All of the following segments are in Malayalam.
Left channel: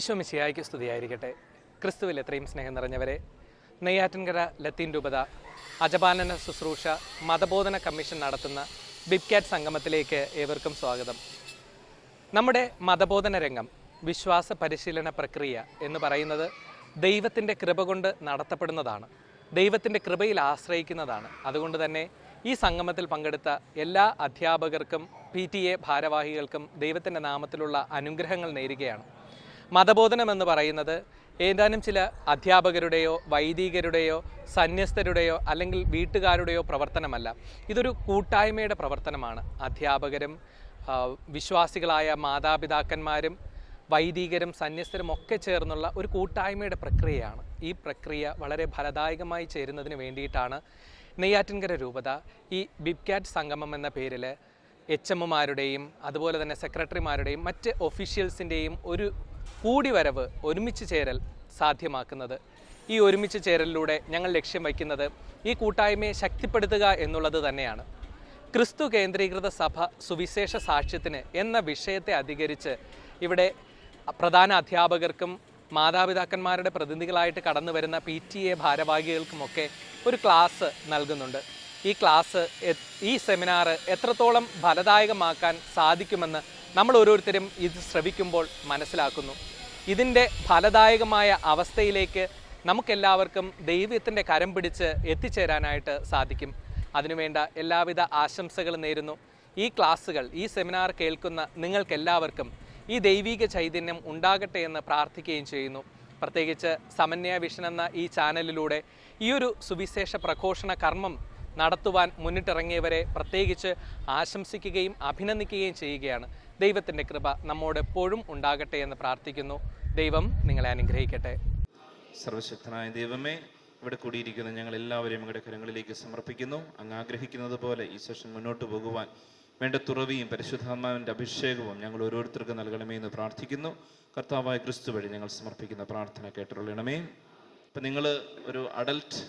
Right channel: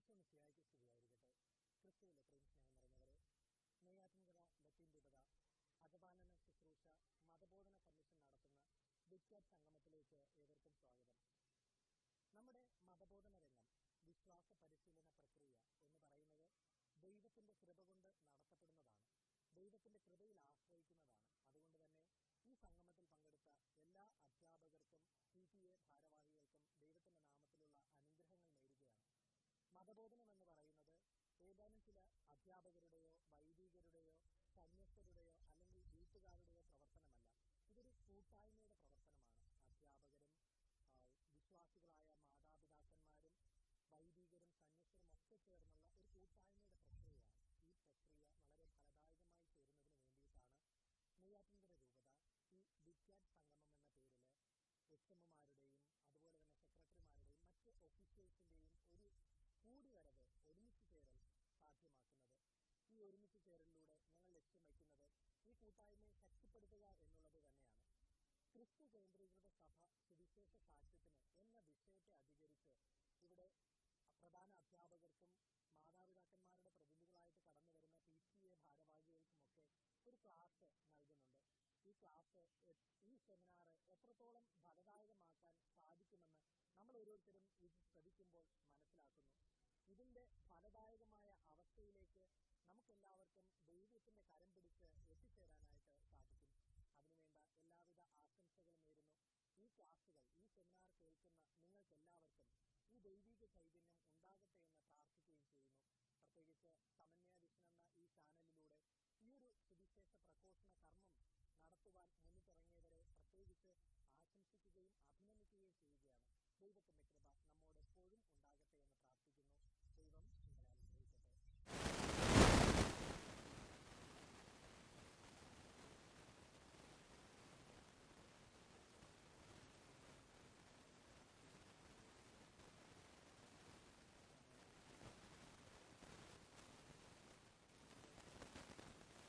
ഈശോ മിശിയായിക്ക് സ്തുതിയായിരിക്കട്ടെ. ക്രിസ്തുവിൽ എത്രയും സ്നേഹം നിറഞ്ഞവരെ നെയ്യാറ്റിൻകര ലത്തീൻ രൂപത അജപാനന ശുശ്രൂഷ മതബോധന കമ്മീഷൻ നടത്തുന്ന ബിബ്കാറ്റ് സംഗമത്തിലേക്ക് ഏവർക്കും സ്വാഗതം. നമ്മുടെ മതബോധന രംഗം വിശ്വാസ പരിശീലന പ്രക്രിയ എന്ന് പറയുന്നത് ദൈവത്തിന്റെ കൃപ കൊണ്ട് നടത്തപ്പെടുന്നതാണ്. ദൈവത്തിന്റെ കൃപയിൽ ആശ്രയിക്കുന്നതാണ്. അതുകൊണ്ട് തന്നെ ഈ സംഗമത്തിൽ പങ്കെടുത്ത എല്ലാ അധ്യാപകർക്കും പി ടി എ ഭാരവാഹികൾക്കും ദൈവത്തിന്റെ നാമത്തിലുള്ള അനുഗ്രഹങ്ങൾ നേരുകയാണ്. മതബോധനം എന്ന് പറയുന്നത് ഏതാനും ചില അധ്യാപകരുടെയോ വൈദികരുടെയോ സന്യസ്തരുടെയോ അല്ലെങ്കിൽ വീട്ടുകാരുടെയോ പ്രവർത്തനമല്ല. ഇതൊരു കൂട്ടായ്മയുടെ പ്രവർത്തനമാണ്. അധ്യാപകരും വിശ്വാസികളായ മാതാപിതാക്കന്മാരും വൈദികരും സന്യസ്തരും ഒക്കെ ചേർന്നുള്ള ഒരു കൂട്ടായ്മയുടെ പ്രക്രിയയാണ്. ഈ പ്രക്രിയ വളരെ ഫലദായകമായി ചേരുന്നതിന് വേണ്ടിയിട്ടാണ് നെയ്യാറ്റിൻകര രൂപത ഈ ബിബ്കാറ്റ് സംഗമം എന്ന പേരിൽ എച്ച് എമ്മുമാരുടെയും അതുപോലെ തന്നെ സെക്രട്ടറിമാരുടെയും മറ്റ് ഒഫീഷ്യൽസിന്റെയും ഒരു കൂടിവരവ് ഒരുമിച്ച് ചേരൽ സാധ്യമാക്കുന്നത്. ഈ ഒരുമിച്ച് ചേരലിലൂടെ ഞങ്ങൾ ലക്ഷ്യം വയ്ക്കുന്നത് ഈ കൂട്ടായ്മയെ ശക്തിപ്പെടുത്തുക എന്നുള്ളത് തന്നെയാണ്. ക്രിസ്തു കേന്ദ്രീകൃത സഭ സുവിശേഷ സാക്ഷ്യത്തിന് എന്ന വിഷയത്തെ അധികരിച്ച് ഇവിടെ പ്രധാന അധ്യാപകർക്കും മാതാപിതാക്കന്മാരുടെ പ്രതിനിധികളായിട്ട് കടന്നു വരുന്ന പി ടി എ ഭാരവാഹികൾക്കുമൊക്കെ ഒരു ക്ലാസ് നൽകുന്നുണ്ട്. ഈ ക്ലാസ് ഈ സെമിനാർ എത്രത്തോളം ഫലദായകമാക്കാൻ സാധിക്കുമെന്ന് നമ്മൾ ഓരോരുത്തരും ഇത് ശ്രവിക്കുമ്പോൾ മനസ്സിലാക്കുന്നു. ഇതിന്റെ ഫലദായകമായ അവസ്ഥയിലേക്ക് നമുക്കെല്ലാവർക്കും ദൈവത്തിന്റെ കരം പിടിച്ച് എത്തിച്ചേരാനായിട്ട് സാധിക്കും. അതിനുവേണ്ട എല്ലാവിധ ആശംസകളും നേരുന്നു. ഈ ക്ലാസ്സുകൾ ഈ സെമിനാർ കേൾക്കുന്ന നിങ്ങൾക്കെല്ലാവർക്കും ഈ ദൈവിക ചൈതന്യം ഉണ്ടാകട്ടെ എന്ന് പ്രാർത്ഥിക്കുകയും ചെയ്യുന്നു. പ്രത്യേകിച്ച് സമന്വയ വിഷൻ എന്ന ഈ ചാനലിലൂടെ ഈ ഒരു സുവിശേഷ പ്രഘോഷണ കർമ്മം നടത്തുവാൻ മുന്നിട്ടിറങ്ങിയവരെ പ്രത്യേകിച്ച് ആശംസിക്കുകയും അഭിനന്ദിക്കുകയും ചെയ്യുകയാണ്. ദൈവത്തിന്റെ കൃപ നമ്മോട് എപ്പോഴും ഉണ്ടാകട്ടെ എന്ന് പ്രാർത്ഥിക്കുന്നു. ദൈവം നിങ്ങളെ അനുഗ്രഹിക്കട്ടെ. സർവശക്തനായ ദൈവമേ ഇവിടെ കൂടിയിരിക്കുന്ന ഞങ്ങൾ എല്ലാവരെയും അങ്ങയുടെ കരങ്ങളിലേക്ക് സമർപ്പിക്കുന്നു. അങ്ങ് ആഗ്രഹിക്കുന്നത് പോലെ ഈ സെഷൻ മുന്നോട്ട് പോകുവാൻ വേണ്ട തുറവിയും പരിശുദ്ധാത്മാവിന്റെ അഭിഷേകവും ഞങ്ങൾ ഓരോരുത്തർക്കും നൽകണമേ എന്ന് പ്രാർത്ഥിക്കുന്നു. കർത്താവായ ക്രിസ്തു വഴി ഞങ്ങൾ സമർപ്പിക്കുന്ന പ്രാർത്ഥന കേട്ടുള്ളണമേ ഇപ്പം നിങ്ങൾ ഒരു അഡൽട്ട്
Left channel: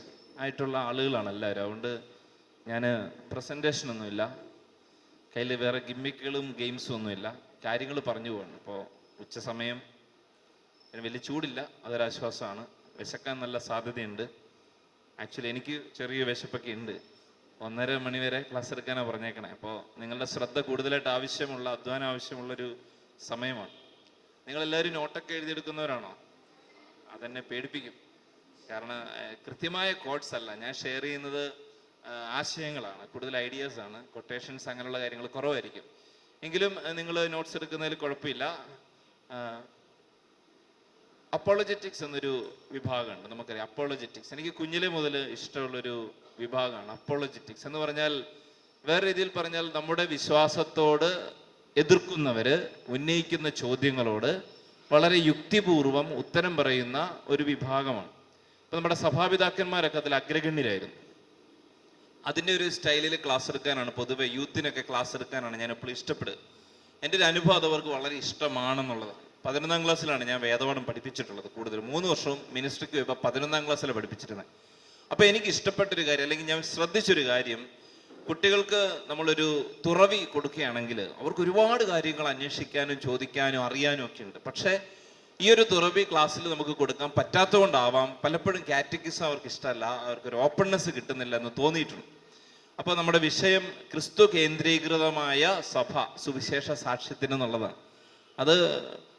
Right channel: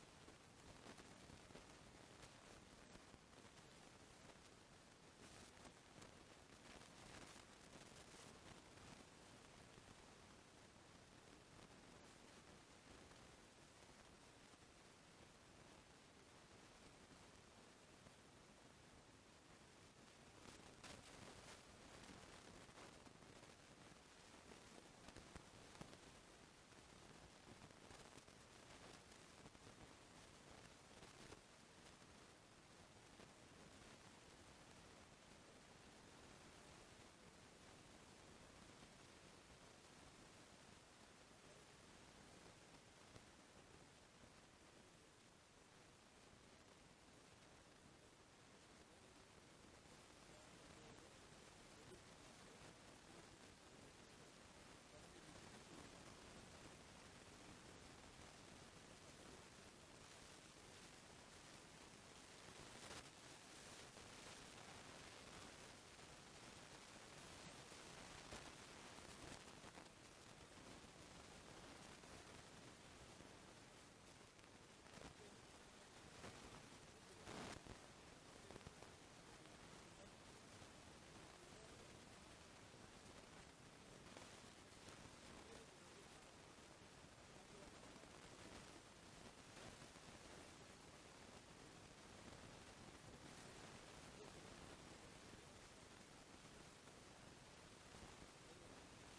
ആയിട്ടുള്ള ആളുകളാണ് എല്ലാവരും. അതുകൊണ്ട് ഞാൻ പ്രസന്റേഷനൊന്നുമില്ല കയ്യിൽ വേറെ ഗിമ്മിക്കുകളും ഗെയിംസും ഒന്നുമില്ല. കാര്യങ്ങൾ പറഞ്ഞു പോകണം ഇപ്പോൾ ഉച്ച സമയം വലിയ ചൂടില്ല. അതൊരാശ്വാസമാണ്. വിശക്കാൻ നല്ല സാധ്യതയുണ്ട്. ആക്ച്വലി എനിക്ക് ചെറിയ വിശപ്പൊക്കെ ഉണ്ട്. ഒന്നര മണി വരെ ക്ലാസ് എടുക്കാനാണ് പറഞ്ഞേക്കണേ. അപ്പോൾ നിങ്ങളുടെ ശ്രദ്ധ കൂടുതലായിട്ട് ആവശ്യമുള്ള അധ്വാനം ആവശ്യമുള്ളൊരു സമയമാണ്. നിങ്ങളെല്ലാവരും നോട്ടൊക്കെ എഴുതിയെടുക്കുന്നവരാണോ? അതെന്നെ പേടിപ്പിക്കും. കാരണം കൃത്യമായ കോഡ്സ് അല്ല. ഞാൻ ഷെയർ ചെയ്യുന്നത് ആശയങ്ങളാണ് കൂടുതൽ ഐഡിയാസ് ആണ് കൊട്ടേഷൻസ് അങ്ങനെയുള്ള കാര്യങ്ങൾ കുറവായിരിക്കും. എങ്കിലും നിങ്ങൾ നോട്ട്സ് എടുക്കുന്നതിൽ കുഴപ്പമില്ല. അപ്പോളജറ്റിക്സ് എന്നൊരു വിഭാഗമുണ്ട് നമുക്കറിയാം. അപ്പോളജറ്റിക്സ് എനിക്ക് കുഞ്ഞിലെ മുതൽ ഇഷ്ടമുള്ളൊരു വിഭാഗമാണ് അപ്പോളജറ്റിക്സ് എന്ന് പറഞ്ഞാൽ വേറെ രീതിയിൽ പറഞ്ഞാൽ നമ്മുടെ വിശ്വാസത്തോട് എതിർക്കുന്നവര് ഉന്നയിക്കുന്ന ചോദ്യങ്ങളോട് വളരെ യുക്തിപൂർവം ഉത്തരം പറയുന്ന ഒരു വിഭാഗമാണ്. നമ്മുടെ സഭാപിതാക്കന്മാരൊക്കെ അതിൽ അഗ്രഗണ്യരായിരുന്നു. അതിന്റെ ഒരു സ്റ്റൈലിൽ ക്ലാസ് എടുക്കാനാണ്. പൊതുവെ യൂത്തിനൊക്കെ ക്ലാസ് എടുക്കാനാണ് ഞാൻ എപ്പോഴും ഇഷ്ടപ്പെടുക. എന്റെ ഒരു അനുഭവം അവർക്ക് വളരെ ഇഷ്ടമാണെന്നുള്ളത്. പതിനൊന്നാം ക്ലാസ്സിലാണ് ഞാൻ വേദപാഠം പഠിപ്പിച്ചിട്ടുള്ളത് കൂടുതൽ മൂന്ന് വർഷവും മിനിസ്ട്രിക്ക് പോയപ്പോൾ പതിനൊന്നാം ക്ലാസ്സിലാണ് പഠിപ്പിച്ചിരുന്നത് അപ്പോൾ എനിക്ക് ഇഷ്ടപ്പെട്ടൊരു കാര്യം അല്ലെങ്കിൽ ഞാൻ ശ്രദ്ധിച്ചൊരു കാര്യം കുട്ടികൾക്ക് നമ്മളൊരു തുറവി കൊടുക്കുകയാണെങ്കിൽ അവർക്ക് ഒരുപാട് കാര്യങ്ങൾ അന്വേഷിക്കാനും ചോദിക്കാനും അറിയാനും ഒക്കെ ഉണ്ട്. പക്ഷേ ഈ ഒരു തുറവി ക്ലാസ്സിൽ നമുക്ക് കൊടുക്കാൻ പറ്റാത്തതുകൊണ്ടാവാം പലപ്പോഴും കാറ്റഗിസം അവർക്ക് ഇഷ്ടമല്ല അവർക്ക് ഒരു ഓപ്പൺനെസ് കിട്ടുന്നില്ല എന്ന് തോന്നിയിട്ടുണ്ട്. അപ്പോൾ നമ്മുടെ വിഷയം ക്രിസ്തു കേന്ദ്രീകൃതമായ സഭ സുവിശേഷ സാക്ഷ്യത്തിന് എന്നുള്ളതാണ്. അത്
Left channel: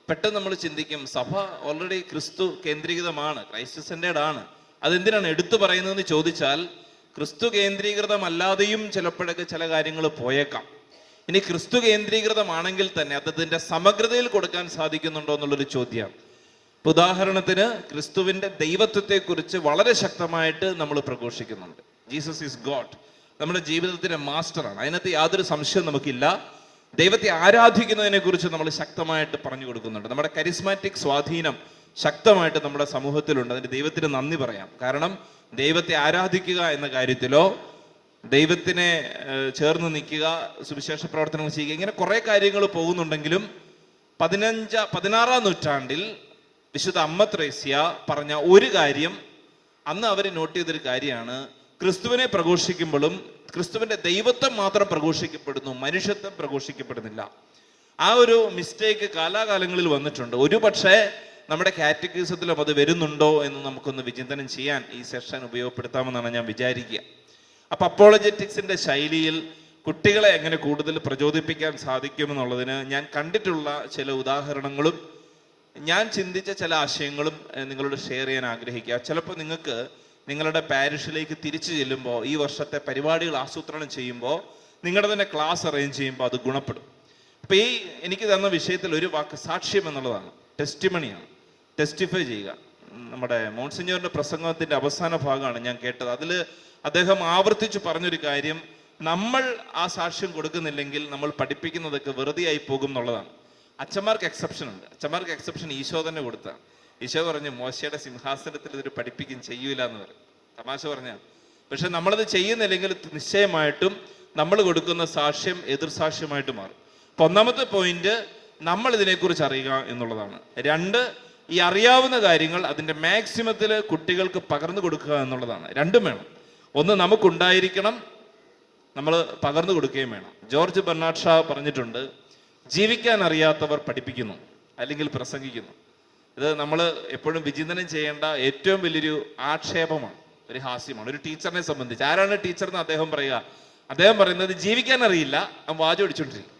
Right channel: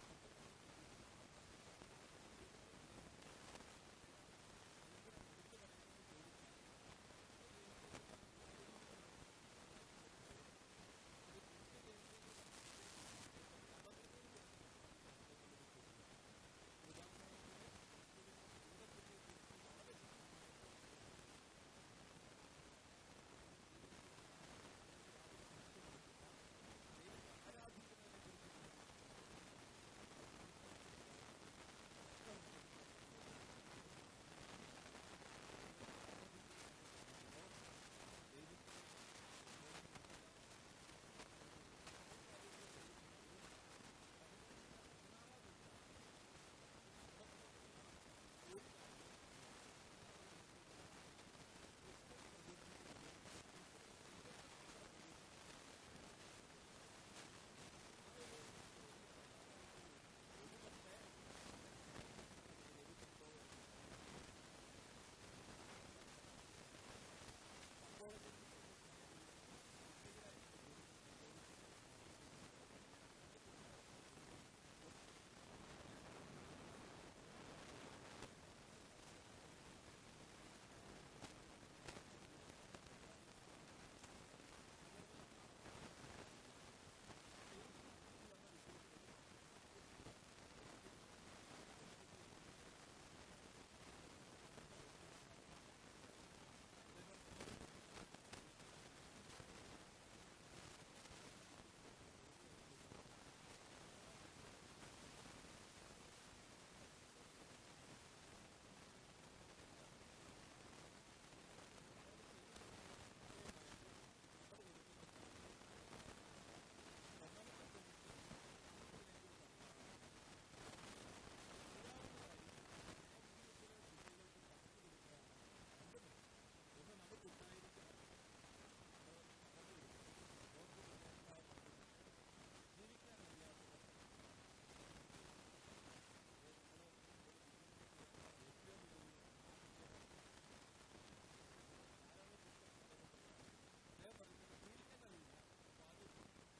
പെട്ടെന്ന് നമ്മൾ ചിന്തിക്കും സഭ ഓൾറെഡി ക്രിസ്തു കേന്ദ്രീകൃതമാണ് ക്രൈസ്റ്റ് സെന്റേഡ് ആണ്. അതെന്തിനാണ് എടുത്തു പറയുന്നതെന്ന് ചോദിച്ചാൽ ക്രിസ്തു കേന്ദ്രീകൃതമല്ലാതെയും ചിലപ്പോഴൊക്കെ ചില കാര്യങ്ങൾ പോയേക്കാം. ഇനി ക്രിസ്തു കേന്ദ്രീകൃതമാണെങ്കിൽ തന്നെ അദ്ദേഹത്തിന്റെ സമഗ്രതയിൽ കൊടുക്കാൻ സാധിക്കുന്നുണ്ടോ എന്നുള്ളൊരു ചോദ്യമാണ് ഉദാഹരണത്തിന് ക്രിസ്തുവിന്റെ ദൈവത്വത്തെക്കുറിച്ച് വളരെ ശക്തമായിട്ട് നമ്മൾ പ്രഘോഷിക്കുന്നുണ്ട്. Jesus is God. നമ്മുടെ ജീവിതത്തിന്റെ മാസ്റ്ററാണ്. അതിനകത്ത് യാതൊരു സംശയവും നമുക്കില്ല. ദൈവത്തെ ആരാധിക്കുന്നതിനെ കുറിച്ച് നമ്മൾ ശക്തമായിട്ട് പറഞ്ഞു കൊടുക്കുന്നുണ്ട്. നമ്മുടെ കരിസ്മാറ്റിക് സ്വാധീനം ശക്തമായിട്ട് നമ്മുടെ സമൂഹത്തിലുണ്ട്. അതിന് ദൈവത്തിന് നന്ദി പറയാം. കാരണം ദൈവത്തെ ആരാധിക്കുക എന്ന കാര്യത്തിലോ ദൈവത്തിനെ ചേർന്ന് നിൽക്കുക സുവിശേഷ പ്രവർത്തനങ്ങൾ ചെയ്യുക ഇങ്ങനെ കുറെ കാര്യങ്ങൾ പോകുന്നുണ്ടെങ്കിലും പതിനഞ്ച പതിനാറാം നൂറ്റാണ്ടിൽ വിശുദ്ധ അമ്മ ത്രേസ്യ പറഞ്ഞ ഒരു കാര്യം അന്ന് അവർ നോട്ട് ചെയ്തൊരു കാര്യമാണ്. ക്രിസ്തുവിനെ പ്രഘോഷിക്കുമ്പോഴും ക്രിസ്തുവിന്റെ ദൈവത്വം മാത്രം പ്രഘോഷിക്കപ്പെടുന്നു മനുഷ്യത്വം പ്രഘോഷിക്കപ്പെടുന്നില്ല. ആ ഒരു മിസ്റ്റേക്ക് കാലാകാലങ്ങളിൽ വന്നിട്ടുണ്ട്. ഒരു പക്ഷേ നമ്മുടെ കാറ്റഗറിസത്തിലും അത് വരുന്നുണ്ടോ എന്ന് നമുക്കൊന്ന് വിചിന്തനം ചെയ്യാൻ ഈ സെഷൻ ഉപയോഗപ്പെടുത്താമെന്നാണ് ഞാൻ വിചാരിക്കുക. അപ്പൊ അപ്പോളജറ്റിക്സിന്റെ ശൈലിയിൽ കുട്ടികളെ എങ്ങനെ കൂടുതൽ പ്രചോദിപ്പിക്കാൻ സാധിക്കുമെന്നുള്ളതിന് ഞാൻ കണ്ടിട്ടുള്ള ചില ഉദാഹരണങ്ങളും ഞാൻ ചിന്തിച്ച ചില ആശയങ്ങളും നിങ്ങളോട് ഷെയർ ചെയ്യാൻ ആഗ്രഹിക്കുക. ചിലപ്പോൾ നിങ്ങൾക്ക് നിങ്ങളുടെ പാരിഷിലേക്ക് തിരിച്ചു ചെല്ലുമ്പോൾ ഈ വർഷത്തെ പരിപാടികൾ ആസൂത്രണം ചെയ്യുമ്പോൾ നിങ്ങളുടെ തന്നെ ക്ലാസ് അറേഞ്ച് ചെയ്യുമ്പോൾ അത് ഗുണപ്പെടും. അപ്പോൾ ഈ എനിക്ക് തന്ന വിഷയത്തിൽ ഒരു വാക്ക് സാക്ഷ്യം എന്നുള്ളതാണ്. ടെസ്റ്റിമണിയാണ് ടെസ്റ്റിഫൈ ചെയ്യുക. നമ്മുടെ മോൺസിഞ്ഞോറിന്റെ പ്രസംഗത്തിന്റെ അവസാന ഭാഗമാണ് ഞാൻ കേട്ടത്. അതിൽ അദ്ദേഹം ആവർത്തിച്ച് പറഞ്ഞൊരു കാര്യം നമ്മൾ ആ സാക്ഷ്യം കൊടുക്കുന്നില്ലെങ്കിൽ നമ്മൾ പഠിപ്പിക്കുന്നതൊക്കെ വെറുതെ ആയി പോകും എന്നുള്ളതാണ്. അച്ഛന്മാർക്ക് എക്സെപ്ഷൻ ഉണ്ട്. അച്ഛന്മാർക്ക് എക്സെപ്ഷൻ ഈശോ തന്നെ കൊടുത്താണ്. ഈശോ പറഞ്ഞു മോശയുടെ സിംഹാസനത്തിൽ ഇതൊരു പഠിപ്പിക്കും ചെയ്യൂല എന്ന് പറയും തമാശ പറഞ്ഞാൽ പക്ഷെ നമ്മളത് ചെയ്യുന്നില്ലെങ്കിൽ നിശ്ചയമായിട്ടും നമ്മൾ കൊടുക്കുന്ന സാക്ഷ്യം എതിർ സാക്ഷ്യമായിട്ട് മാറും. അപ്പൊ ഒന്നാമത്തെ പോയിന്റ് നമ്മൾ ഇതിനെക്കുറിച്ച് അറിയുക എന്നുള്ളതാണ്. രണ്ട് ഈ അറിയാവുന്ന കാര്യങ്ങൾ അതിന്റെ മാക്സിമത്തിൽ കുട്ടികൾക്ക് പകർന്നു കൊടുക്കുക എന്നുള്ളതാണ്. രണ്ടും വേണം. ഒന്ന് നമുക്കുണ്ടായിരിക്കണം നമ്മൾ പകർന്നു കൊടുക്കുകയും വേണം. ജോർജ് ബെർണാഡ് ഷാ പറഞ്ഞിട്ടുണ്ട് ജീവിക്കാൻ അറിയാത്തവർ പഠിപ്പിക്കുന്നു അല്ലെങ്കിൽ പ്രസംഗിക്കുന്നു. ഇത് നമ്മൾ എപ്പോഴും വിചിന്തനം ചെയ്യേണ്ട ഏറ്റവും വലിയൊരു ആക്ഷേപമാണ് ഒരു ഹാസ്യമാണ് ഒരു ടീച്ചറിനെ സംബന്ധിച്ച്. ആരാണ് ടീച്ചർ എന്ന് അദ്ദേഹം പറയുക അദ്ദേഹം പറയുന്നത് ജീവിക്കാൻ അറിയില്ല അവൻ വാചോടിച്ചോണ്ടിരിക്കും